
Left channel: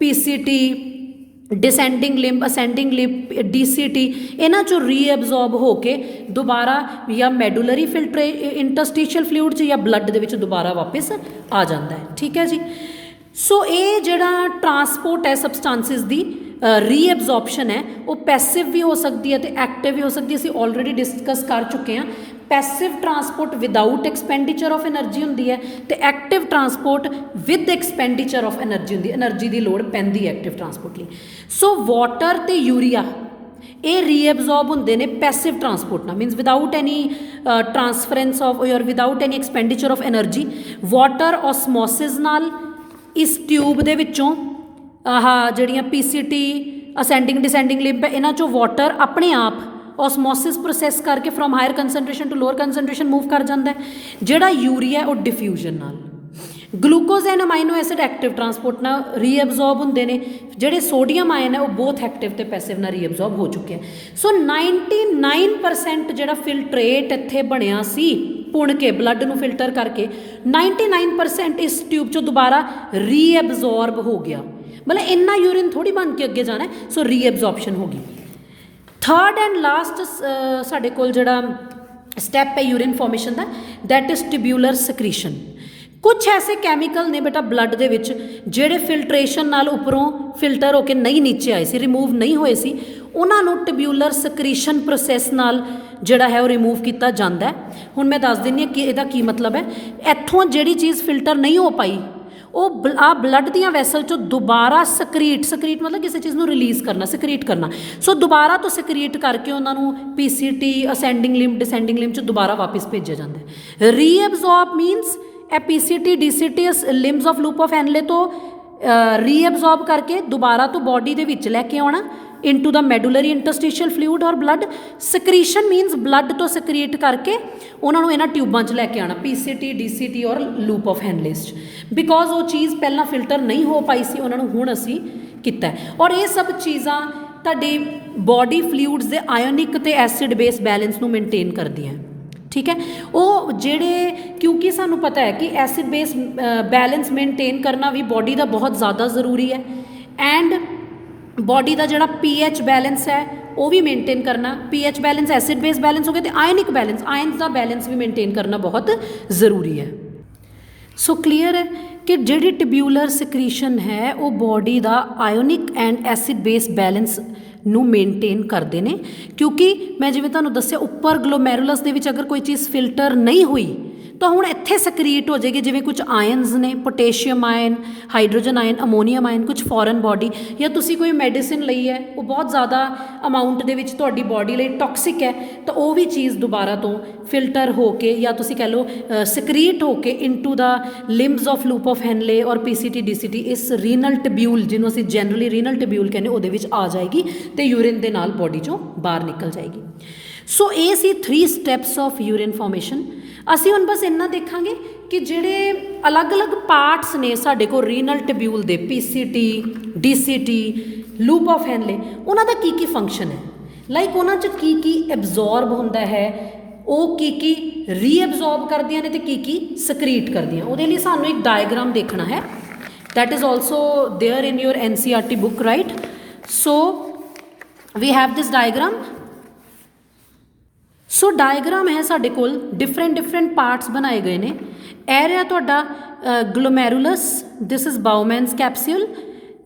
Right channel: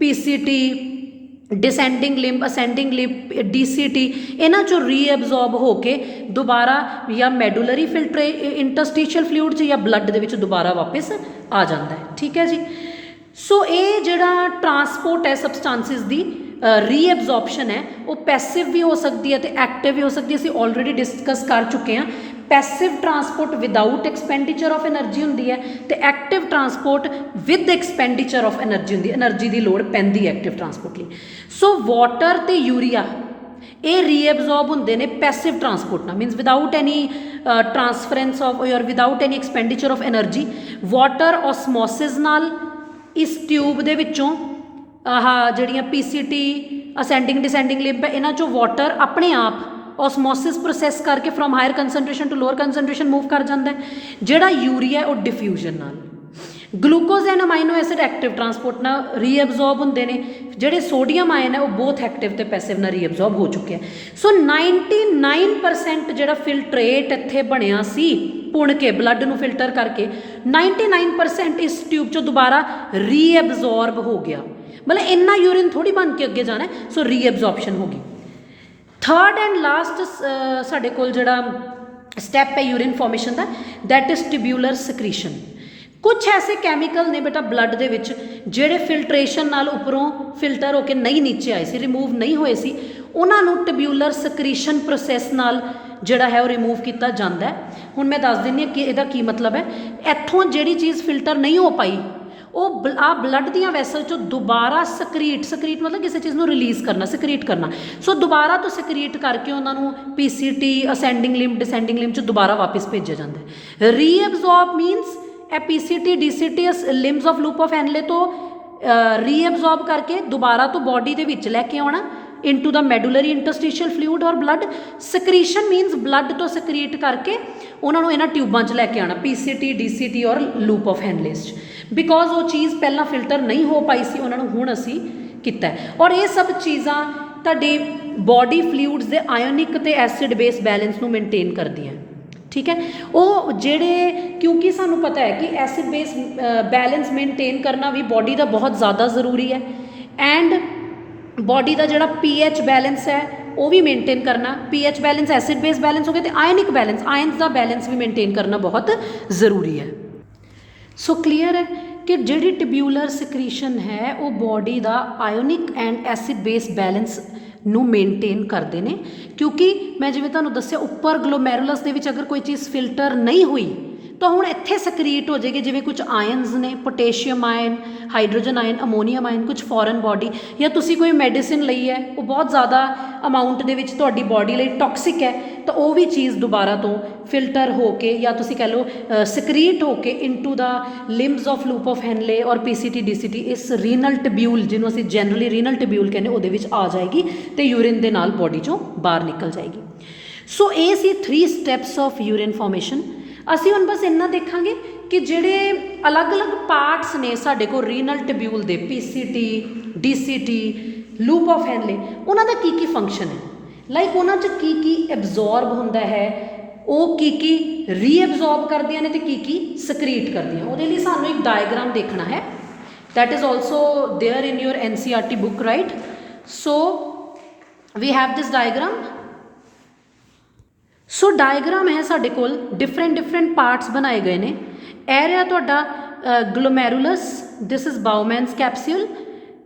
PCT descending limb, ascending limb, DCT, इन्हां चों रीअबजॉर्ब होके दोबारा या मैडुलरी इंटरस्टिशियल फ्लूइड च या ब्लड दे विच दोबारा वापस आ जाता है, ठीक है जी। सो ये जिहड़ा ट्रांसपोर्ट है सबसटांसिस दी रीअबजॉर्प्शन है वो पैसिव भी हो सकती है तो एक्टिव भी हो सकती है। असीं ऑलरेडी डिस्कस कर चुके हैं। Passive transport without expenditure of energy होंदी है तो active transport with expenditure of energy होंदी है, एनर्जी की लोड़ पैंदी है एक्टिव ट्रांसपोर्ट लई। सो वाटर तो यूरिया ये रीअबजॉर्ब होंदे ने पैसिव ट्रांसपोर्ट नाल, means without any transference of और without any expenditure of energy. Water osmosis नाल इस ट्यूब दे विचों जिहड़ियां PCT असेंडिंग डिसेंडिंग लिंब है इन्हां चों वाटर अपने आप ऑसमोसिस प्रोसैस करके from higher concentration to lower concentration move कर जाता है। जिहड़ा यूरिया वो डिफ्यूजन नाल, glucose and amino acid active transport नाल रीअबजॉर्ब होंदे ने, जिहड़े सोडियम आयन है वो बोथ एक्टिव ते पैसिव नाल रीअबजॉर्ब हो चुके हैं। सो 99% जिहड़ा फिल्ट्रेट इत्थे बनिया सी पुण के ब्लड नूं फिल्टर करके 99% इस ट्यूब चों दोबारा रीअबजॉर्ब हो गया, मतलब इन्ना यूरिन थोड़ी बन के अगे जाना है। सो रीअबजॉर्प्शन हो गई। थर्ड एंड लास्ट साडे कोल जिहड़ा स्टैप है यूरिन फॉर्मेशन का, दैट इज ट्यूब्यूलर सिक्रीशन। कुछ ऐसे कैमिकल ने बेटा ब्लड दे विच जिहड़े फिल्ट्रेशन नाल उपरों फिल्टर होकर नहीं नीचे आए सी, रिमूव नहीं होए सी, उन्हां नूं ट्यूब्यूलर सिक्रीशन प्रोसैस नाल जिहड़ा है वो रिमूव किया जाता है। हुण मैं दस दिंदी हां कि इहदा की मतलब है। इत्थों जिहड़ी चीज़ फिल्टर नहीं हो पाई वो आ ब्लड दियां वैसल चो दोबारा सकरीट मतलब किसी चीज़ को रिलीज़ करना, सकरीट करना। सो दोबारा तो सकरीट करके उन्होंने PCT ascending limb descending limb चो दोबारा वापस भेजा जाता है। रीअबजॉर्ब मीनस ए PCT DCT limbs of loop of Henle तो रीअबजॉर्ब करके दोबारा तो बॉडी के विच लैके आना into the medullary interstitial fluid और ब्लड। सकरीशन मीनस ब्लड तो सकरीट करके उन्होंने इन्हां ट्यूबां च लैके आना PCT DCT और लूप ऑफ हैनलेस, बिकॉज वो चीज़ पहला फिल्टर नहीं हो पाई सी, उन्होंने हुण असी कीता है। और ये सब चीज़ां तुहाडी बॉडी फ्लूइड्स दे आयोनिक ते एसिड बेस बैलेंस नूं मेनटेन करदियां, ठीक है। वो जेड़े क्योंकि सानू पता है कि एसिड बेस बैलेंस मेनटेन करना भी बॉडी का बहुत ज़्यादा ज़रूरी है, एंड बॉडी का जोड़ा pH बैलेंस है वो भी मेनटेन करना। pH balance acid base balance हो गया, तो आयनिक बैलेंस आयन्स का बैलेंस भी मेनटेन करना बहुत ज़रूरी है। सो क्लीयर है कि जिहड़ी ट्यूब्यूलर सिक्रीशन है वो बॉडी का ionic and acid base balance ਨੂੰ मेनटेन करते हैं। क्योंकि मैं जिवें तुहानूं दस्सिया उपर ग्लोमैरुलस दे विच अगर कोई चीज़ फिल्टर नहीं हुई तो हुण इत्थे सकरीट हो जाएगी, जिवें कुछ आयन्स ने, potassium ion, hydrogen ion, ammonium ion, कुछ फॉरन बॉडी, या तुसी कोई मैडिसिन लई है वो बहुत ज़्यादा अमाउंट दे विच तुहाडी बॉडी लई टॉक्सिक है, तो वो भी चीज़ दोबारा तो फिल्टर हो के या तुसी कह लो सकरीट हो के into the limbs of loop of Henle और PCT DCT इस रीनल ट्यूब्यूल जिन्हों असीं जनरली रीनल ट्यूब्यूल कहने वो आ जाएगी तो यूरिन दे नाल बॉडी चों बाहर निकल जाएगी। सो ये सी 3 स्टैप्स ऑफ यूरिन फॉर्मेशन। असी हुण बस इन्ना देखांगे कि जिहड़े अलग अलग पार्ट्स ने साडे कोल रीनल ट्यूब्यूल दे PCT DCT loop of Henle, उन्हां दा की फंक्शन है, लाइक उन्हां च की एब्जॉर्ब हुंदा है, वो की रीअबजॉर्ब करदियां ने ते की सकरीट करदियां। उहदे लई सानूं एक डायग्राम देखना है, that is also there in your NCERT book, right. So we have this diagram. So diagram है साडे कोल, डिफरेंट पार्ट्स बनाए गए ने। ए रहा तुहाडा glomerulus, this is Bowman's capsule,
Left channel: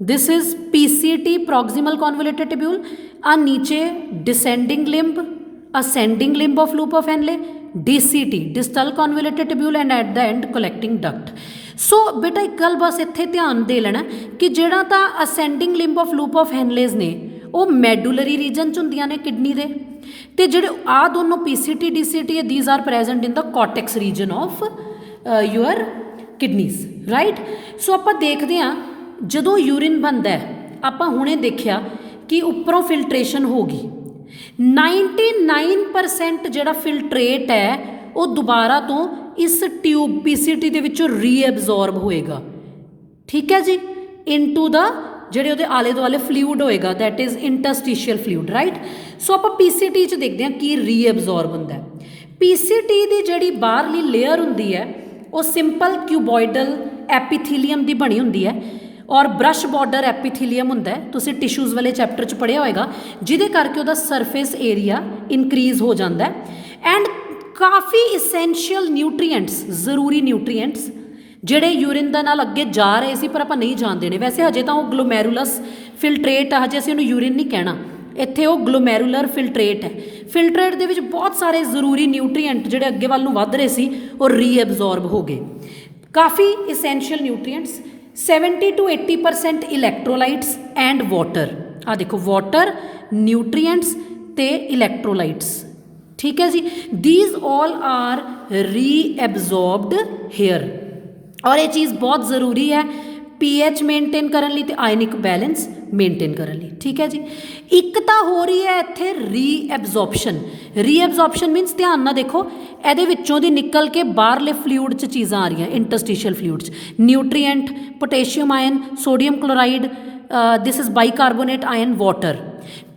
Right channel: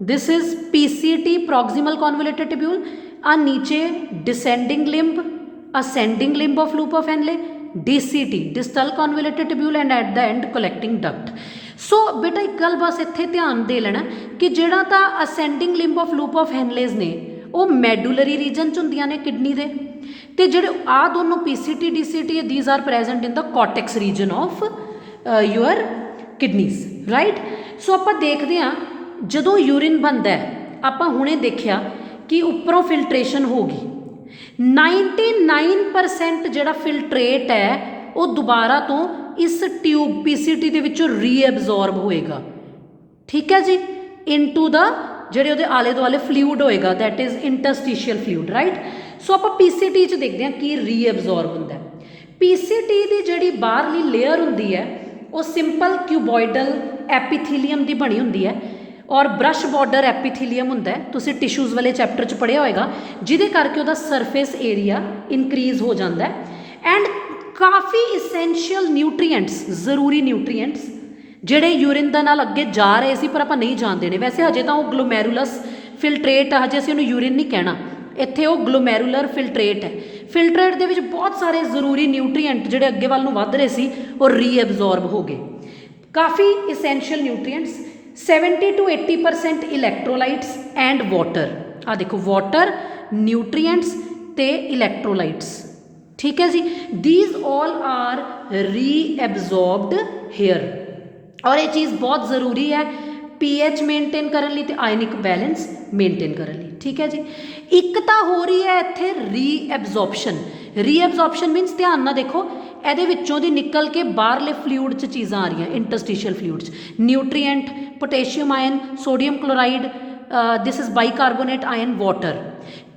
this is PCT proximal convoluted tubule, आ नीचे descending limb, ascending limb of loop of Henle, DCT distal convoluted tubule, and at the end collecting duct. So बेटा एक गल बस इत्थे ध्यान दे लेना कि जिहड़ा तां ascending limb of loop of Henle's ने वो मैडुलरी रीजन च हुंदियां ने किडनी दे, ते जिहड़े आ दोनों PCT DCT these are present in the cortex region of your kidneys, right. So आपां देखदे हां जदों यूरिन बनदा है, आपां हुणे देखिया कि उपरों फिल्ट्रेशन हो गई, 99% जिहड़ा फिल्ट्रेट है वो दोबारा तो इस ट्यूब PCT दे विचों रीअबजॉर्ब होएगा, ठीक है जी, इनटू द ਜਿਹੜੇ ਉਹਦੇ ਆਲੇ ਦੁਆਲੇ ਫਲੂਇਡ ਹੋਏਗਾ, that is interstitial fluid, right. So ਆਪਾਂ PCT 'ਚ ਦੇਖਦੇ ਹਾਂ ਕੀ ਰੀਅਬਜ਼ੌਰਬ ਹੁੰਦਾ ਹੈ। PCT ਦੀ ਜਿਹੜੀ ਬਾਹਰਲੀ ਲੇਅਰ ਹੁੰਦੀ ਹੈ ਉਹ ਸਿੰਪਲ ਕਿਊਬੋਇਡਲ ਐਪੀਥੀਲੀਅਮ ਦੀ ਬਣੀ ਹੁੰਦੀ ਹੈ ਔਰ ਬ੍ਰਸ਼ ਬਾਰਡਰ ਐਪੀਥੀਲੀਅਮ ਹੁੰਦਾ ਹੈ, ਤੁਸੀਂ ਟਿਸ਼ੂਜ਼ ਵਾਲੇ ਚੈਪਟਰ 'ਚ ਪੜ੍ਹਿਆ ਹੋਏਗਾ, ਜਿਹਦੇ ਕਰਕੇ ਉਹਦਾ ਸਰਫੇਸ ਏਰੀਆ ਇਨਕਰੀਜ਼ ਹੋ ਜਾਂਦਾ ਹੈ। ਐਂਡ ਕਾਫੀ ਇਸੈਂਸ਼ੀਅਲ ਨਿਊਟਰੀਐਂਟਸ, ਜ਼ਰੂਰੀ ਨਿਊਟਰੀਐਂਟਸ ਜਿਹੜੇ यूरिन ਦੇ ਨਾਲ ਅੱਗੇ ਜਾ ਰਹੇ ਸੀ ਪਰ ਆਪਾਂ ਨਹੀਂ ਜਾਣ ਦੇਣੇ। ਵੈਸੇ ਹਜੇ ਤਾਂ ਉਹ ਗਲੋਮੈਰੂਲਸ ਫਿਲਟਰੇਟ ਆ, ਹਜੇ ਅਸੀਂ ਉਹਨੂੰ यूरिन ਨਹੀਂ ਕਹਿਣਾ, ਇੱਥੇ ਉਹ ਗਲੋਮੈਰੂਲਰ ਫਿਲਟਰੇਟ ਹੈ। ਫਿਲਟਰੇਟ ਦੇ ਵਿੱਚ ਬਹੁਤ ਸਾਰੇ ਜ਼ਰੂਰੀ ਨਿਊਟਰੀਐਂਟ ਜਿਹੜੇ ਅੱਗੇ ਵੱਲ ਨੂੰ ਵੱਧ ਰਹੇ ਸੀ ਉਹ ਰੀਅਬਜ਼ੌਰਬ ਹੋ ਗਏ। ਕਾਫੀ essential nutrients, 70 to 80% electrolytes and water. ਆ ਦੇਖੋ ਵਾਟਰ, ਨਿਊਟਰੀਐਂਟਸ ਤੇ ਇਲੈਕਟ੍ਰੋਲਾਈਟਸ, ठीक है जी। These all are reabsorbed here. और ये चीज़ बहुत ज़रूरी है pH ਮੇਨਟੇਨ ਕਰਨ ਲਈ ਤੇ ਆਇਨਿਕ ਬੈਲੈਂਸ ਮੇਨਟੇਨ ਕਰਨ ਲਈ। ਠੀਕ ਹੈ ਜੀ। ਇੱਕ ਤਾਂ ਹੋ ਰਹੀ ਹੈ ਇੱਥੇ ਰੀਐਬਜ਼ੋਰਪਸ਼ਨ। ਰੀਐਬਜ਼ੋਰਪਸ਼ਨ ਮੀਨਸ ਧਿਆਨ ਨਾਲ ਦੇਖੋ, ਇਹਦੇ ਵਿੱਚੋਂ ਦੀ ਨਿਕਲ ਕੇ ਬਾਹਰਲੇ ਫਲੂਇਡ 'ਚ ਚੀਜ਼ਾਂ ਆ ਰਹੀਆਂ, ਇੰਟਰਸਟੀਸ਼ੀਅਲ ਫਲੂਇਡ 'ਚ nutrient, potassium ion, sodium chloride, this is bicarbonate ion, water.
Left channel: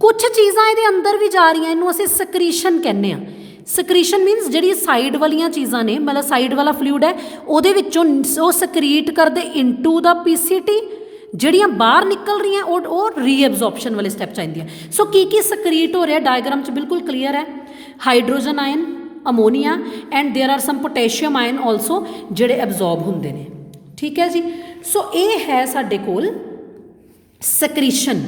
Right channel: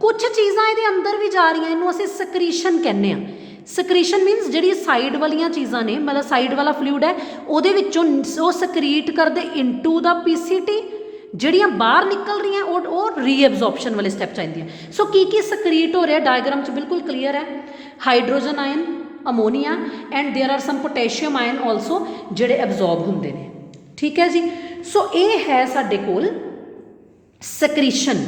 ਕੁਛ ਚੀਜ਼ਾਂ ਇਹਦੇ ਅੰਦਰ ਵੀ ਜਾ ਰਹੀਆਂ, ਇਹਨੂੰ ਅਸੀਂ ਸਕਰੀਸ਼ਨ ਕਹਿੰਦੇ ਹਾਂ। ਸਕਰੀਸ਼ਨ ਮੀਨਸ ਜਿਹੜੀ ਸਾਈਡ ਵਾਲੀਆਂ ਚੀਜ਼ਾਂ ਨੇ, ਮਤਲਬ ਸਾਈਡ ਵਾਲਾ ਫਲੂਇਡ ਹੈ ਉਹਦੇ ਵਿੱਚੋਂ ਉਹ ਸਕਰੀਟ ਕਰਦੇ ਇਨਟੂ ਦਾ ਪੀਸੀਟੀ, ਜਿਹੜੀਆਂ ਬਾਹਰ ਨਿਕਲ ਰਹੀਆਂ ਉਹ ਰੀਐਬਜ਼ੋਰਪਸ਼ਨ ਵਾਲੇ ਸਟੈਪ 'ਚ ਆਉਂਦੀਆਂ। ਸੋ ਕੀ ਸਕਰੀਟ ਹੋ ਰਿਹਾ ਡਾਇਗਰਾਮ 'ਚ ਬਿਲਕੁਲ ਕਲੀਅਰ ਹੈ। Hydrogen ion, ammonia and there are some potassium ion also ਜਿਹੜੇ ਐਬਜ਼ੋਰਬ ਹੁੰਦੇ ਨੇ। ਠੀਕ ਹੈ ਜੀ। ਸੋ ਇਹ ਹੈ ਸਾਡੇ ਕੋਲ ਸਕਰੀਸ਼ਨ।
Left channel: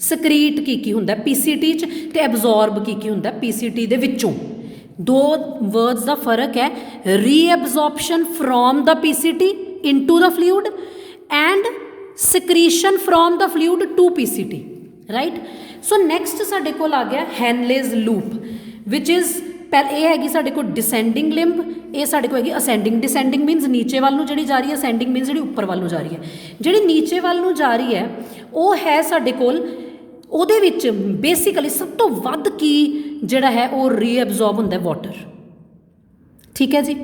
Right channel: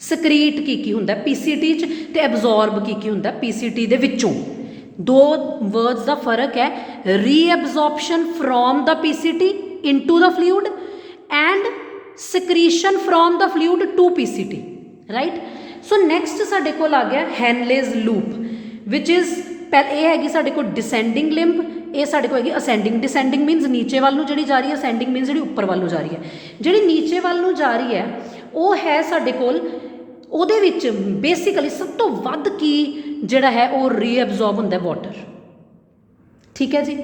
ਸਕਰੀਟ ਕੀ ਹੁੰਦਾ ਪੀਸੀਟੀ 'ਚ ਤੇ ਐਬਜ਼ੋਰਬ ਕੀ ਹੁੰਦਾ ਪੀਸੀਟੀ ਦੇ ਵਿੱਚੋਂ। ਦੋ ਵਰਡਸ ਦਾ ਫਰਕ ਹੈ, reabsorption from the PCT into the fluid and secretion from the fluid to PCT, right. So next ਸਾਡੇ ਕੋਲ ਆ ਗਿਆ ਹੈਨਲੇਜ਼ ਲੂਪ, ਵਿਚ ਇਜ਼ ਇਹ ਹੈਗੀ ਸਾਡੇ ਕੋਲ ਡਿਸੈਂਡਿੰਗ ਲਿੰਬ, ਇਹ ਸਾਡੇ ਕੋਲ ਹੈਗੀ ਅਸੈਂਡਿੰਗ। ਡਿਸੈਂਡਿੰਗ ਮੀਨਸ ਨੀਚੇ ਵੱਲ ਨੂੰ ਜਿਹੜੀ ਜਾ ਰਹੀ ਹੈ, ਅਸੈਂਡਿੰਗ ਮੀਨਸ ਜਿਹੜੀ ਉੱਪਰ ਵੱਲ ਨੂੰ ਜਾ ਰਹੀ ਹੈ। ਜਿਹੜੀ ਨੀਚੇ ਵੱਲ ਨੂੰ ਜਾ ਰਹੀ ਹੈ ਉਹ ਹੈ ਸਾਡੇ ਕੋਲ, ਉਹਦੇ ਵਿੱਚ ਬੇਸਿਕਲੀ ਸਭ ਤੋਂ ਵੱਧ ਕੀ ਜਿਹੜਾ ਹੈ ਉਹ ਰੀਐਬਜ਼ੋਰਬ ਹੁੰਦਾ ਵਾਟਰ। ਠੀਕ ਹੈ ਜੀ।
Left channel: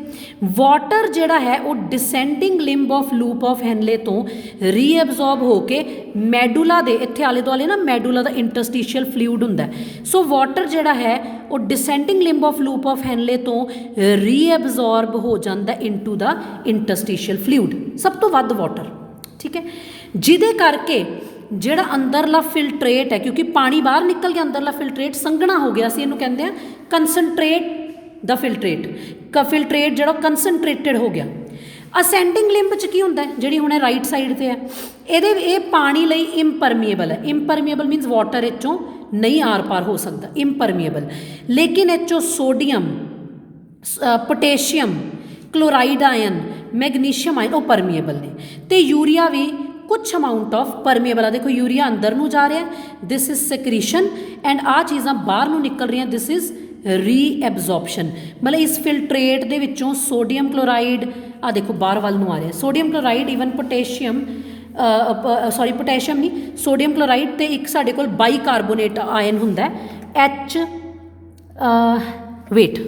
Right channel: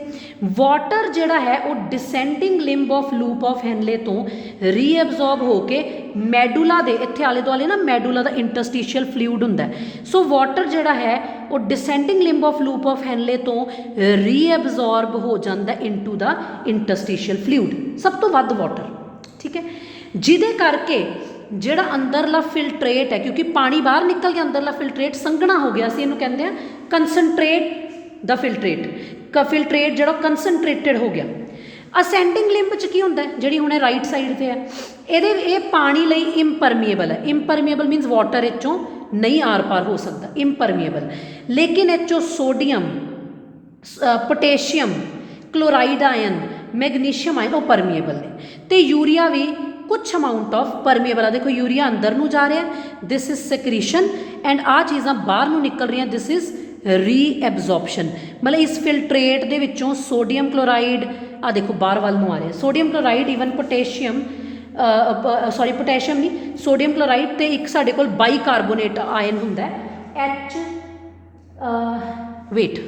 ਵਾਟਰ ਜਿਹੜਾ ਹੈ ਉਹ descending limb of loop of ਹੈਨਲੇ ਤੋਂ ਰੀਐਬਜ਼ੋਰਬ ਹੋ ਕੇ ਮੈਡੂਲਾ ਦੇ ਇੱਥੇ ਆਲੇ ਦੁਆਲੇ ਨਾ ਮੈਡੂਲਾ ਦਾ ਇੰਟਰਸਟੀਸ਼ੀਅਲ ਫਲੂਇਡ ਹੁੰਦਾ। ਸੋ ਵਾਟਰ ਜਿਹੜਾ ਹੈ ਉਹ descending limb of loop of ਹੈਨਲੇ ਤੋਂ ਰੀਐਬਜ਼ੋਰਬ ਹੋ ਜਾਂਦਾ ਇਨਟੂ ਦਾ ਇੰਟਰਸਟੀਸ਼ੀਅਲ ਫਲੂਇਡ, ਸਭ ਤੋਂ ਵੱਧ ਵਾਟਰ। ਠੀਕ ਹੈ। ਜਿਹਦੇ ਕਰਕੇ ਜਿਹੜਾ ਅੰਦਰਲਾ ਫਿਲਟਰੇਟ ਹੈ, ਕਿਉਂਕਿ ਪਾਣੀ ਬਾਹਰ ਨਿਕਲ ਗਿਆ, ਅੰਦਰਲਾ ਫਿਲਟਰੇਟ ਸੰਘਣਾ ਹੋ ਗਿਆ, ਅਸੀਂ ਇਹਨੂੰ ਕਹਿੰਦੇ ਹਾਂ ਕੰਸਨਟਰੇਟ ਦਾ ਫਿਲਟਰੇਟ। ਫਿਲਟਰੇਟ ਜਿਹੜਾ ਕੰਸਨਟਰੇਟਡ ਹੋ ਗਿਆ। ਅਸੈਂਡਿੰਗ ਲਿੰਬ 'ਚ ਕੀ ਹੁੰਦਾ, ਜਿਹੜੀ ਹੁਣ ਰਾਈਟ ਸਾਈਡ 'ਤੇ ਹੈ, ਇਹ ਪਾਣੀ ਲਈ ਇੰਪਰਮੀਏਬਲ ਹੈ। ਇੰਪਰਮੀਏਬਲ ਮੀਨਸ ਵਾਟਰ ਇਹ 'ਚੋਂ ਨਹੀਂ ਆਰ ਪਾਰ ਹੋ ਸਕਦਾ, ਇੰਪਰਮੀਏਬਲ। ਲੇਕਿਨ ਇਹ 'ਚੋਂ sodium, potassium, chloride ion, magnesium ion ਉਹ ਪਰਮੀਏਬਲ ਨੇ। ਅਤੇ ਯੂਰੀਆ ਵੀ ਕੁਛ ਅਮਾਊਂਟ ਆਫ ਪਰਮੀਏਬਲ ਆ। ਦੇਖੋ ਯੂਰੀਆ ਅੰਦਰ ਨੂੰ ਜਾ ਰਿਹਾ, ਦਿਸ ਇਜ਼ ਸਕਰੀਸ਼ਨ, ਐਂਡ ਆਹ ਚੀਜ਼ਾਂ ਬਾਹਰ ਨੂੰ ਨਿਕਲ ਰਹੀਆਂ, ਦਿਸ ਇਜ਼ ਰੀਐਬਜ਼ੋਰਪਸ਼ਨ। ਮਤਲਬ ਇਸ ਫਿਲਟਰੇਟ ਦੇ ਵਿੱਚੋਂ ਸੋਡੀਅਮ ਕਲੋਰਾਈਡ ਆ ਦੇਖੋ ਬਾਹਰ ਵੱਲ ਨੂੰ ਆ ਰਿਹਾ, ਸੋਡੀਅਮ ਕਲੋਰਾਈਡ, ਈਵਨ ਪੋਟੇਸ਼ੀਅਮ, ਪੋਟੇਸ਼ੀਅਮ ਨਹੀਂ, ਸੋਡੀਅਮ ਕਲੋਰਾਈਡ, ਅਤੇ ਇੱਕ ਸਾਡੇ ਕੋਲ ਬਾਈਕਾਰਬੋਨੇਟ ਆਇਨ ਹੁੰਦਾ H ਵੇਟ।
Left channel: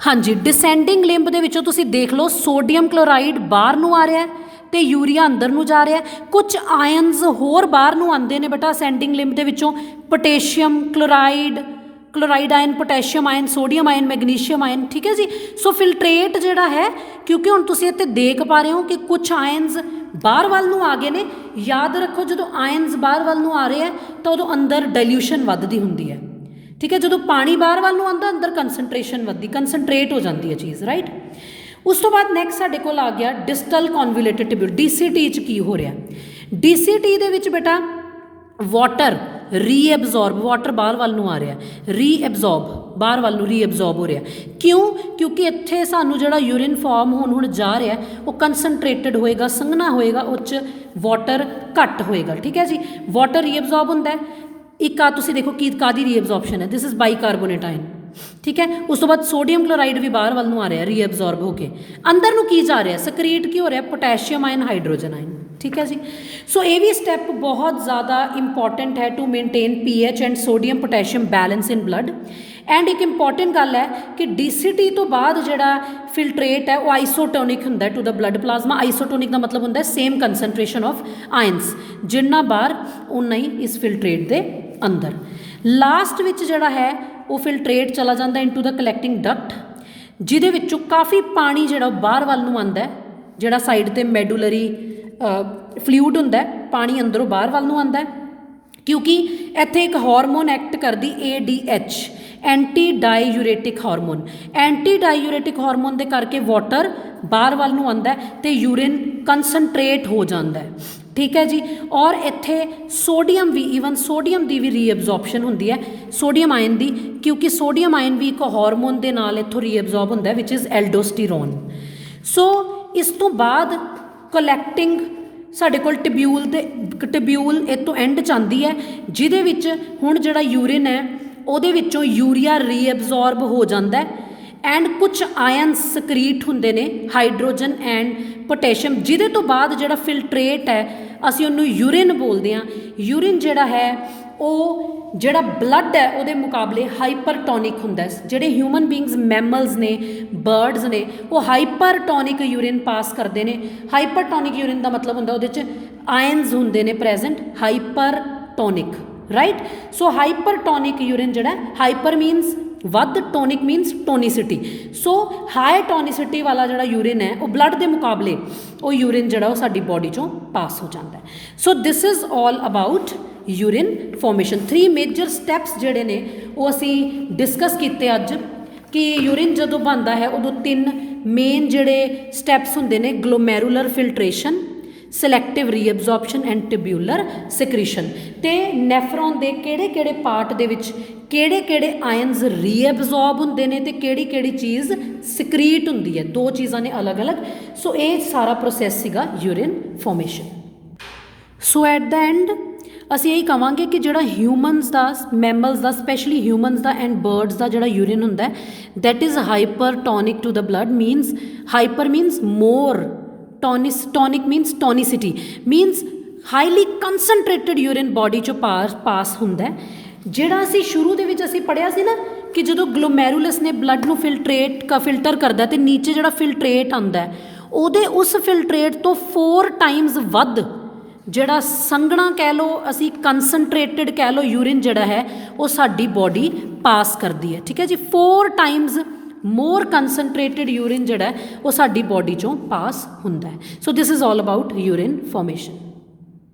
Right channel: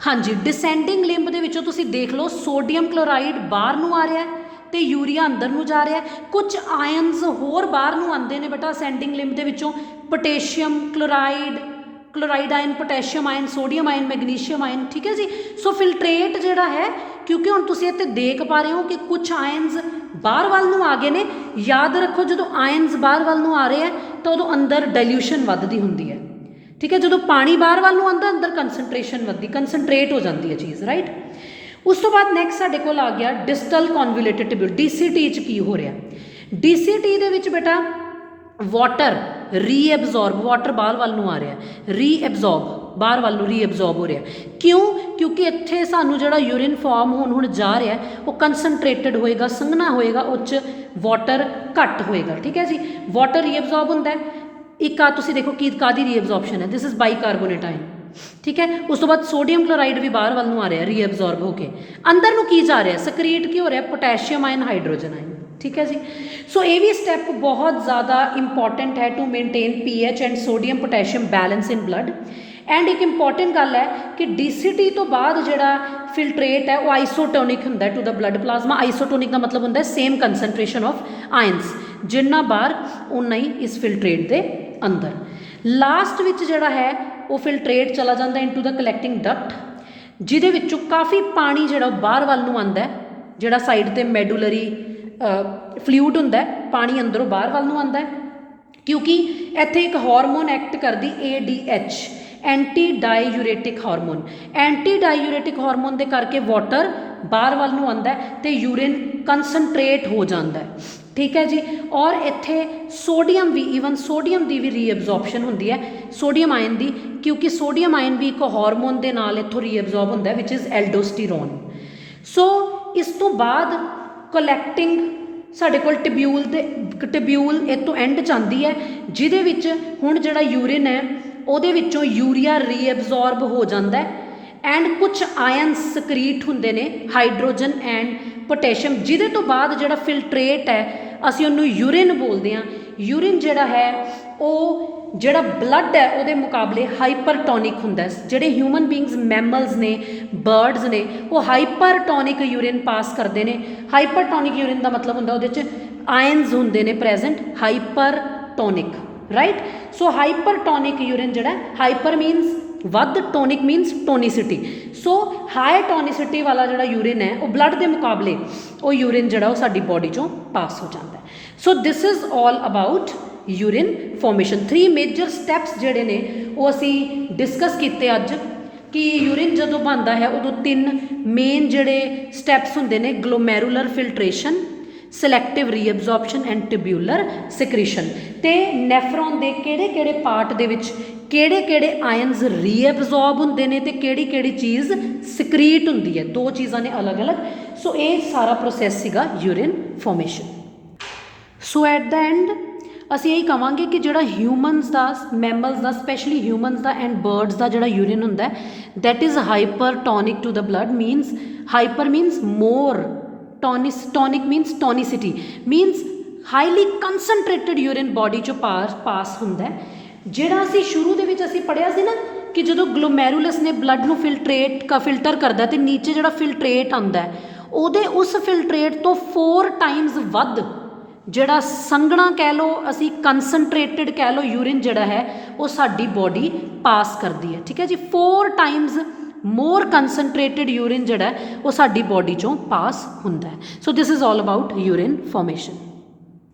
ਹਾਂਜੀ, ਡਿਸੈਂਡਿੰਗ ਲਿੰਬ ਦੇ ਵਿੱਚੋਂ ਤੁਸੀਂ ਦੇਖ ਲਓ ਸੋਡੀਅਮ ਕਲੋਰਾਈਡ ਬਾਹਰ ਨੂੰ ਆ ਰਿਹਾ ਅਤੇ ਯੂਰੀਆ ਅੰਦਰ ਨੂੰ ਜਾ ਰਿਹਾ। ਕੁਛ ਆਇਨਸ ਹੋਰ ਬਾਹਰ ਨੂੰ ਆਉਂਦੇ ਨੇ ਬੇਟਾ ਅਸੈਂਡਿੰਗ ਲਿੰਬ ਦੇ ਵਿੱਚੋਂ, potassium, chloride ion, potassium ion, sodium ion, magnesium ion. ਠੀਕ ਹੈ ਜੀ। ਸੋ ਫਿਲਟਰੇਟ ਜਿਹੜਾ ਹੈ, ਕਿਉਂਕਿ ਹੁਣ ਤੁਸੀਂ ਇੱਥੇ ਦੇਖ ਪਾ ਰਹੇ ਹੋ ਕਿ ਕੁਛ ਆਇਨਸ ਬਾਹਰ ਵੱਲ ਨੂੰ ਆ ਗਏ ਨੇ। ਯਾਦ ਰੱਖੋ ਜਦੋਂ ਆਇਨਸ ਬਾਹਰ ਵੱਲ ਨੂੰ ਆ ਰਹੇ ਹੈ ਤਾਂ ਉਦੋਂ ਅੰਦਰ ਡਾਇਲਿਊਸ਼ਨ ਵੱਧਦੀ ਹੁੰਦੀ ਹੈ। ਠੀਕ ਹੈ। ਜਦੋਂ ਪਾਣੀ ਬਾਹਰ ਵੱਲ ਨੂੰ ਆਉਂਦਾ ਅੰਦਰ ਕੰਸਨਟ੍ਰੇਸ਼ਨ ਵੱਧਦੀ, ਕੰਸਨਟ੍ਰੇਟ ਹੋ ਜਾਂਦੀ ਹੈ ਚੀਜ਼, ਰਾਈਟ। ਉਸ ਤੋਂ ਬਾਅਦ ਨੈਕਸਟ ਸਾਡੇ ਕੋਲ ਆ ਗਿਆ ਡਿਸਟਲ ਕਨਵੋਲੂਟਿਡ ਟਿਊਬਿਊਲ। DCT 'ਚ ਕੀ ਹੋ ਰਿਹਾ, DCT ਦੇ ਵਿੱਚ ਬੇਟਾ ਵਾਟਰ ਰੀਐਬਜ਼ੋਰਬ, ਵਾਟਰ ਬਾਹਰ ਵੱਲ ਨੂੰ ਆ ਰਿਹਾ, ਰੀਐਬਜ਼ੋਰਬ ਬਾਹਰ ਵੱਲ ਨੂੰ ਰੀਐਬਜ਼ੋਰਬ ਹੋ ਰਿਹਾ। ਕਿਉਂ? ਕਿਉਂਕਿ ਇੱਥੇ ਸਾਨੂੰ ਜਿਹੜਾ ਯੂਰਿਨ ਫਾਰਮ ਹੁਣ ਜਾ ਰਿਹਾ ਉਹ ਕੰਸਨਟ੍ਰੇਟਡ ਹੋਏਗਾ, ਸੰਘਣਾ ਹੋਏਗਾ, ਉਹ 'ਚ ਵਾਟਰ ਘੱਟ ਹੋਏਗਾ। ਠੀਕ ਹੈ ਜੀ। ਵਾਟਰ ਰੀਐਬਜ਼ੋਰਬ ਹੁੰਦਾ। ਇੱਕ ਆ ਤੁਸੀਂ ਦੇਖੋ ਕੀ ਕਾਹਦੀ ਰੀਐਬਜ਼ੋਰਪਸ਼ਨ ਹੈ, ਦਿਸ ਇਜ਼ ਬਾਈਕਾਰਬੋਨੇਟ ਆਇਨ। ਠੀਕ ਹੈ। ਉਸ ਤੋਂ ਬਾਅਦ ਸੋਡੀਅਮ ਕਲੋਰਾਈਡ ਵੀ ਬਾਹਰ ਵੱਲ ਨੂੰ ਆ ਰਿਹਾ ਰੀਐਬਜ਼ੋਰਬ ਹੋ ਕੇ। ਅੰਦਰ ਨੂੰ ਕੀ ਜਾ ਰਿਹਾ, ਸਕਰੀਟ ਕੀ ਹੋ ਰਿਹਾ, ਪੋਟੈਸ਼ੀਅਮ ਆਇਨ, ਹਾਈਡਰੋਜਨ ਆਇਨ। ਠੀਕ ਹੈ ਜੀ। ਸੋ ਇਹ ਵੀ ਸਟੈਪ ਬਹੁਤ ਜ਼ਿਆਦਾ ਇੰਪੋਰਟੈਂਟ ਹੈ to maintain pH and sodium potassium balance in blood. And ਇੱਕ ਇੰਪੋਰਟੈਂਟ ਗੱਲ ਹੈ ਕਿ DCT ਤੋਂ ਬਾਅਦ ਜਿਹੜਾ ਫਿਲਟਰੇਟ ਹੈ ਉਹ ਆਈਸੋਟੋਨਿਕ ਹੁੰਦਾ to the blood plasma. Isotonic ਦਾ ਮਤਲਬ ਹੁੰਦਾ ਸੇਮ ਕੰਸਨਟ੍ਰੇਸ਼ਨ ਆਫ ਆਇਨਸ, ਜਿੰਨਾ ਬਾਹਰ ਉਨਾ ਹੀ ਇਸ ਫਿਲਟਰੇਟ ਦੇ ਅੰਦਰ। ਲਾਸਟ ਵਿੱਚ ਜਿਹੜਾ ਹੈ ਉਹ ਫਿਲਟਰੇਟ ਚਲਾ ਜਾਂਦਾ ਇਨਟੂ ਦਾ ਕਲੈਕਟਿੰਗ ਡਕਟ, ਜਿਹਦੇ ਵਿੱਚੋਂ ਕਾਫੀ ਪਾਣੀ ਜਿਹੜਾ ਬਾਹਰ ਵੱਲ ਨੂੰ ਆਉਂਦਾ, ਜਿਹੜਾ ਸਾਈਡ 'ਤੇ ਮੈਡੂਲਰੀ ਫਲੂਇਡ ਹੁੰਦਾ, ਪਾਣੀ ਅੰਦਰੋਂ ਬਾਹਰ ਵੱਲ ਨੂੰ ਆਉਂਦਾ, ਕਿਉਂਕਿ ਇੱਥੇ ਇੱਕ ਹਾਰਮੋਨ ਐਕਟ ਕਰਦੀ ADH, anti diuretic hormone. Anti diuretic hormone ਦੇ ਕਰਕੇ ਵਾਟਰ ਬਾਹਰ ਵੱਲ ਨੂੰ ਆਉਂਦਾ ਅਤੇ ਯੂਰਿਨ ਕੰਸਨਟ੍ਰੇਟ ਹੋ ਜਾਂਦਾ। ਠੀਕ ਹੈ ਜੀ। ਔਰ ਇੱਥੇ ਸੋਡੀਅਮ ਵੀ, ਈਵਨ ਸੋਡੀਅਮ ਦੀ ਵੀ ਰੀਐਬਜ਼ੋਰਪਸ਼ਨ ਹੁੰਦੀ ਹੈ, ਸੋਡੀਅਮ ਆਇਨ ਦੀ, ਕਿਉਂਕਿ ਸੋਡੀਅਮ ਆਇਨ ਵੀ ਇੱਕ ਹਾਰਮੋਨ ਦੇ ਨਾਲ ਇੱਥੋਂ ਰੀਐਬਜ਼ੋਰਬ ਹੁੰਦਾ ਵਿਚ ਇਜ਼ ਐਲਡੋਸਟੀਰੋਨ। ਸੋ ਇਸ ਤੋਂ ਬਾਅਦ ਕਲੈਕਟਿੰਗ ਸਾਡੇ ਕੋਲ ਟਿਬਿਊਲ ਇਹ ਤੋਂ ਐਂਡ 'ਚ ਆਉਂਦੀ ਹੈ, ਜਿਹਦੇ ਵਿੱਚ ਹੁਣ ਜਿਹੜਾ ਯੂਰਿਨ ਹੈ ਉਹਦੇ ਵਿੱਚੋਂ ਯੂਰੀਆ ਰੀਐਬਜ਼ੋਰਬ ਹੋ ਜਾਂਦਾ ਐਂਡ ਕੁਛ ਆਇਨਸ ਸਕਰੀਟ ਹੁੰਦੇ ਨੇ ਹਾਈਡਰੋਜਨ ਐਂਡ ਪੋਟੈਸ਼ੀਅਮ, ਜਿਹਦੇ ਤੋਂ ਬਾਅਦ ਜਿਹੜਾ ਫਿਲਟਰੇਟ ਹੈ ਅਸੀਂ ਉਹਨੂੰ ਯੂਰਿਨ ਬੋਲਦੇ ਹਾਂ। ਯੂਰਿਨ ਜਿਹੜਾ ਹੈ ਉਹ ਜਿਹੜਾ ਬਲੱਡ ਹੈ ਉਹਦੇ ਮੁਕਾਬਲੇ ਹਾਈਪਰਟੋਨਿਕ ਹੁੰਦਾ ਹੈ। ਜਿਹੜੇ ਹਿਊਮਨ ਬੀਇੰਗਸ ਮੈਮਲਸ ਨੇ, ਬਰਡਸ ਨੇ, ਉਹ ਹਾਈਪਰਟੋਨਿਕ ਯੂਰਿਨ ਪਾਸ ਕਰਦੇ ਨੇ। ਹਾਈਪਰਟੋਨਿਕ ਯੂਰਿਨ ਦਾ ਮਤਲਬ ਹੁੰਦਾ ਉਹਦੇ 'ਚ ਆਇਨਸ ਹੁੰਦੇ ਨੇ ਪ੍ਰੈਜ਼ੈਂਟ, ਹਾਈਪਰਟੋਨਿਕ, ਰਾਈਟ। ਸੋ ਹਾਈਪਰਟੋਨਿਕ ਯੂਰਿਨ ਜਿਹੜਾ, ਹਾਈਪਰ ਮੀਨਸ ਵੱਧ, ਟੋਨਿਕ ਮੀਨਸ ਟੋਨੀਸਿਟੀ। ਸੋ ਹਾਈ ਟੋਨੀਸਿਟੀ ਵਾਲਾ ਜਿਹੜਾ ਯੂਰਿਨ ਹੈ ਉਹ ਬਲੱਡ ਦੇ ਮੁਕਾਬਲੇ ਉਹ ਯੂਰਿਨ ਜਿਹੜਾ ਉਹ ਸਾਡੀ ਬੋਡੀ 'ਚੋਂ ਪਾਸ ਹੋ ਜਾਂਦਾ। So this is all about urine formation. 3 major steps ਜਿਹੜੇ ਨੇ ਉਹ ਅਸੀਂ ਡਿਸਕਸ ਕੀਤੇ ਅੱਜ, ਕਿ ਯੂਰਿਨ ਜਦੋਂ ਬਣਦਾ ਹੈ ਉਦੋਂ 3 ਮੇਨ ਜਿਹੜੇ ਸਟੈਪਸ ਹੁੰਦੇ ਨੇ, ਗਲੋਮੈਰੂਲਰ ਫਿਲਟਰੇਸ਼ਨ, ਸਿਲੈਕਟਿਵ ਰੀਅਬਜ਼ੋਰਪਸ਼ਨ ਐਂਡ ਟਿਬਿਊਲਰ ਸਿਕ੍ਰੀਸ਼ਨ। ਤੇ ਨੈਫਰੋਨ ਦੇ ਕਿਹੜੇ ਕਿਹੜੇ ਪਾਰਟ ਦੇ ਵਿੱਚ ਕਿਹੜੇ ਕਿਹੜੇ ਆਇਨਸ ਰੀਅਬਜ਼ੋਰਬ ਹੁੰਦੇ ਨੇ ਤੇ ਕਿਹੜੀ ਕਿਹੜੀ ਚੀਜ਼ ਸਕਰੀਟ ਹੁੰਦੀ ਹੈ, 2 ਚੀਜ਼ਾਂ ਨੇ ਅਲੱਗ-ਅਲੱਗ। ਸੋ ਇਹ ਸਾਰਾ ਪ੍ਰੋਸੈਸ ਸੀਗਾ urine formation. So at the end ਅਸੀਂ ਇਹੀ ਕਹਾਂਗੇ ਕਿ ਜਿਹੜਾ ਹਿਊਮਨਸ ਦਾ, ਮੈਮਲਸ ਦਾ, ਸਪੈਸ਼ਲੀ ਹਿਊਮਨਸ ਦਾ ਐਂਡ ਬਰਡਸ ਦਾ ਜਿਹੜਾ ਯੂਰਿਨ ਹੁੰਦਾ that is hypertonic to the blood. Means hyper means more, tonic means tonicity, means highly concentrated urine body 'ਚੋਂ ਪਾਸ ਹੁੰਦਾ। ਜਿਹੜਾ ਅਸੀਂ ਸ਼ੁਰੂ ਦੇ ਵਿੱਚ ਅਸੀਂ ਪੜ੍ਹਿਆ ਸੀ ਨਾ ਕਿ ਜਦੋਂ ਗਲੋਮੈਰੂਲਸ ਨੇ ਬਲੱਡ ਨੂੰ ਫਿਲਟਰ ਕਰਦਾ ਤੇ ਨੀਚੇ ਜਿਹੜਾ ਫਿਲਟਰੇਟ ਆਉਂਦਾ ਉਹਦੇ ਉਸ ਫਿਲਟਰੇਟ ਤੋਂ 4 ਟਾਈਮਸ ਵੱਧ ਜਿਹੜਾ ਸੰਘਣਾ ਕਹਿ ਲਓ, ਅਸੀਂ ਕੰਸਨਟ੍ਰੇਟਡ ਕਹਿ ਲਓ, ਯੂਰਿਨ ਜਿਹੜਾ ਹੈ ਉਹ ਸਾਡੀ ਬੋਡੀ ਪਾਸ ਕਰਦੀ ਹੈ। ਠੀਕ ਹੈ ਜੀ, 4 ਟਾਈਮਸ ਮੋਰ ਕੰਸਨਟ੍ਰੇਟਡ ਯੂਰਿਨ ਜਿਹੜਾ ਉਹ ਸਾਡੀ ਬੋਡੀ 'ਚੋਂ ਪਾਸ ਹੁੰਦਾ ਹੈ। So this is all about urine formation.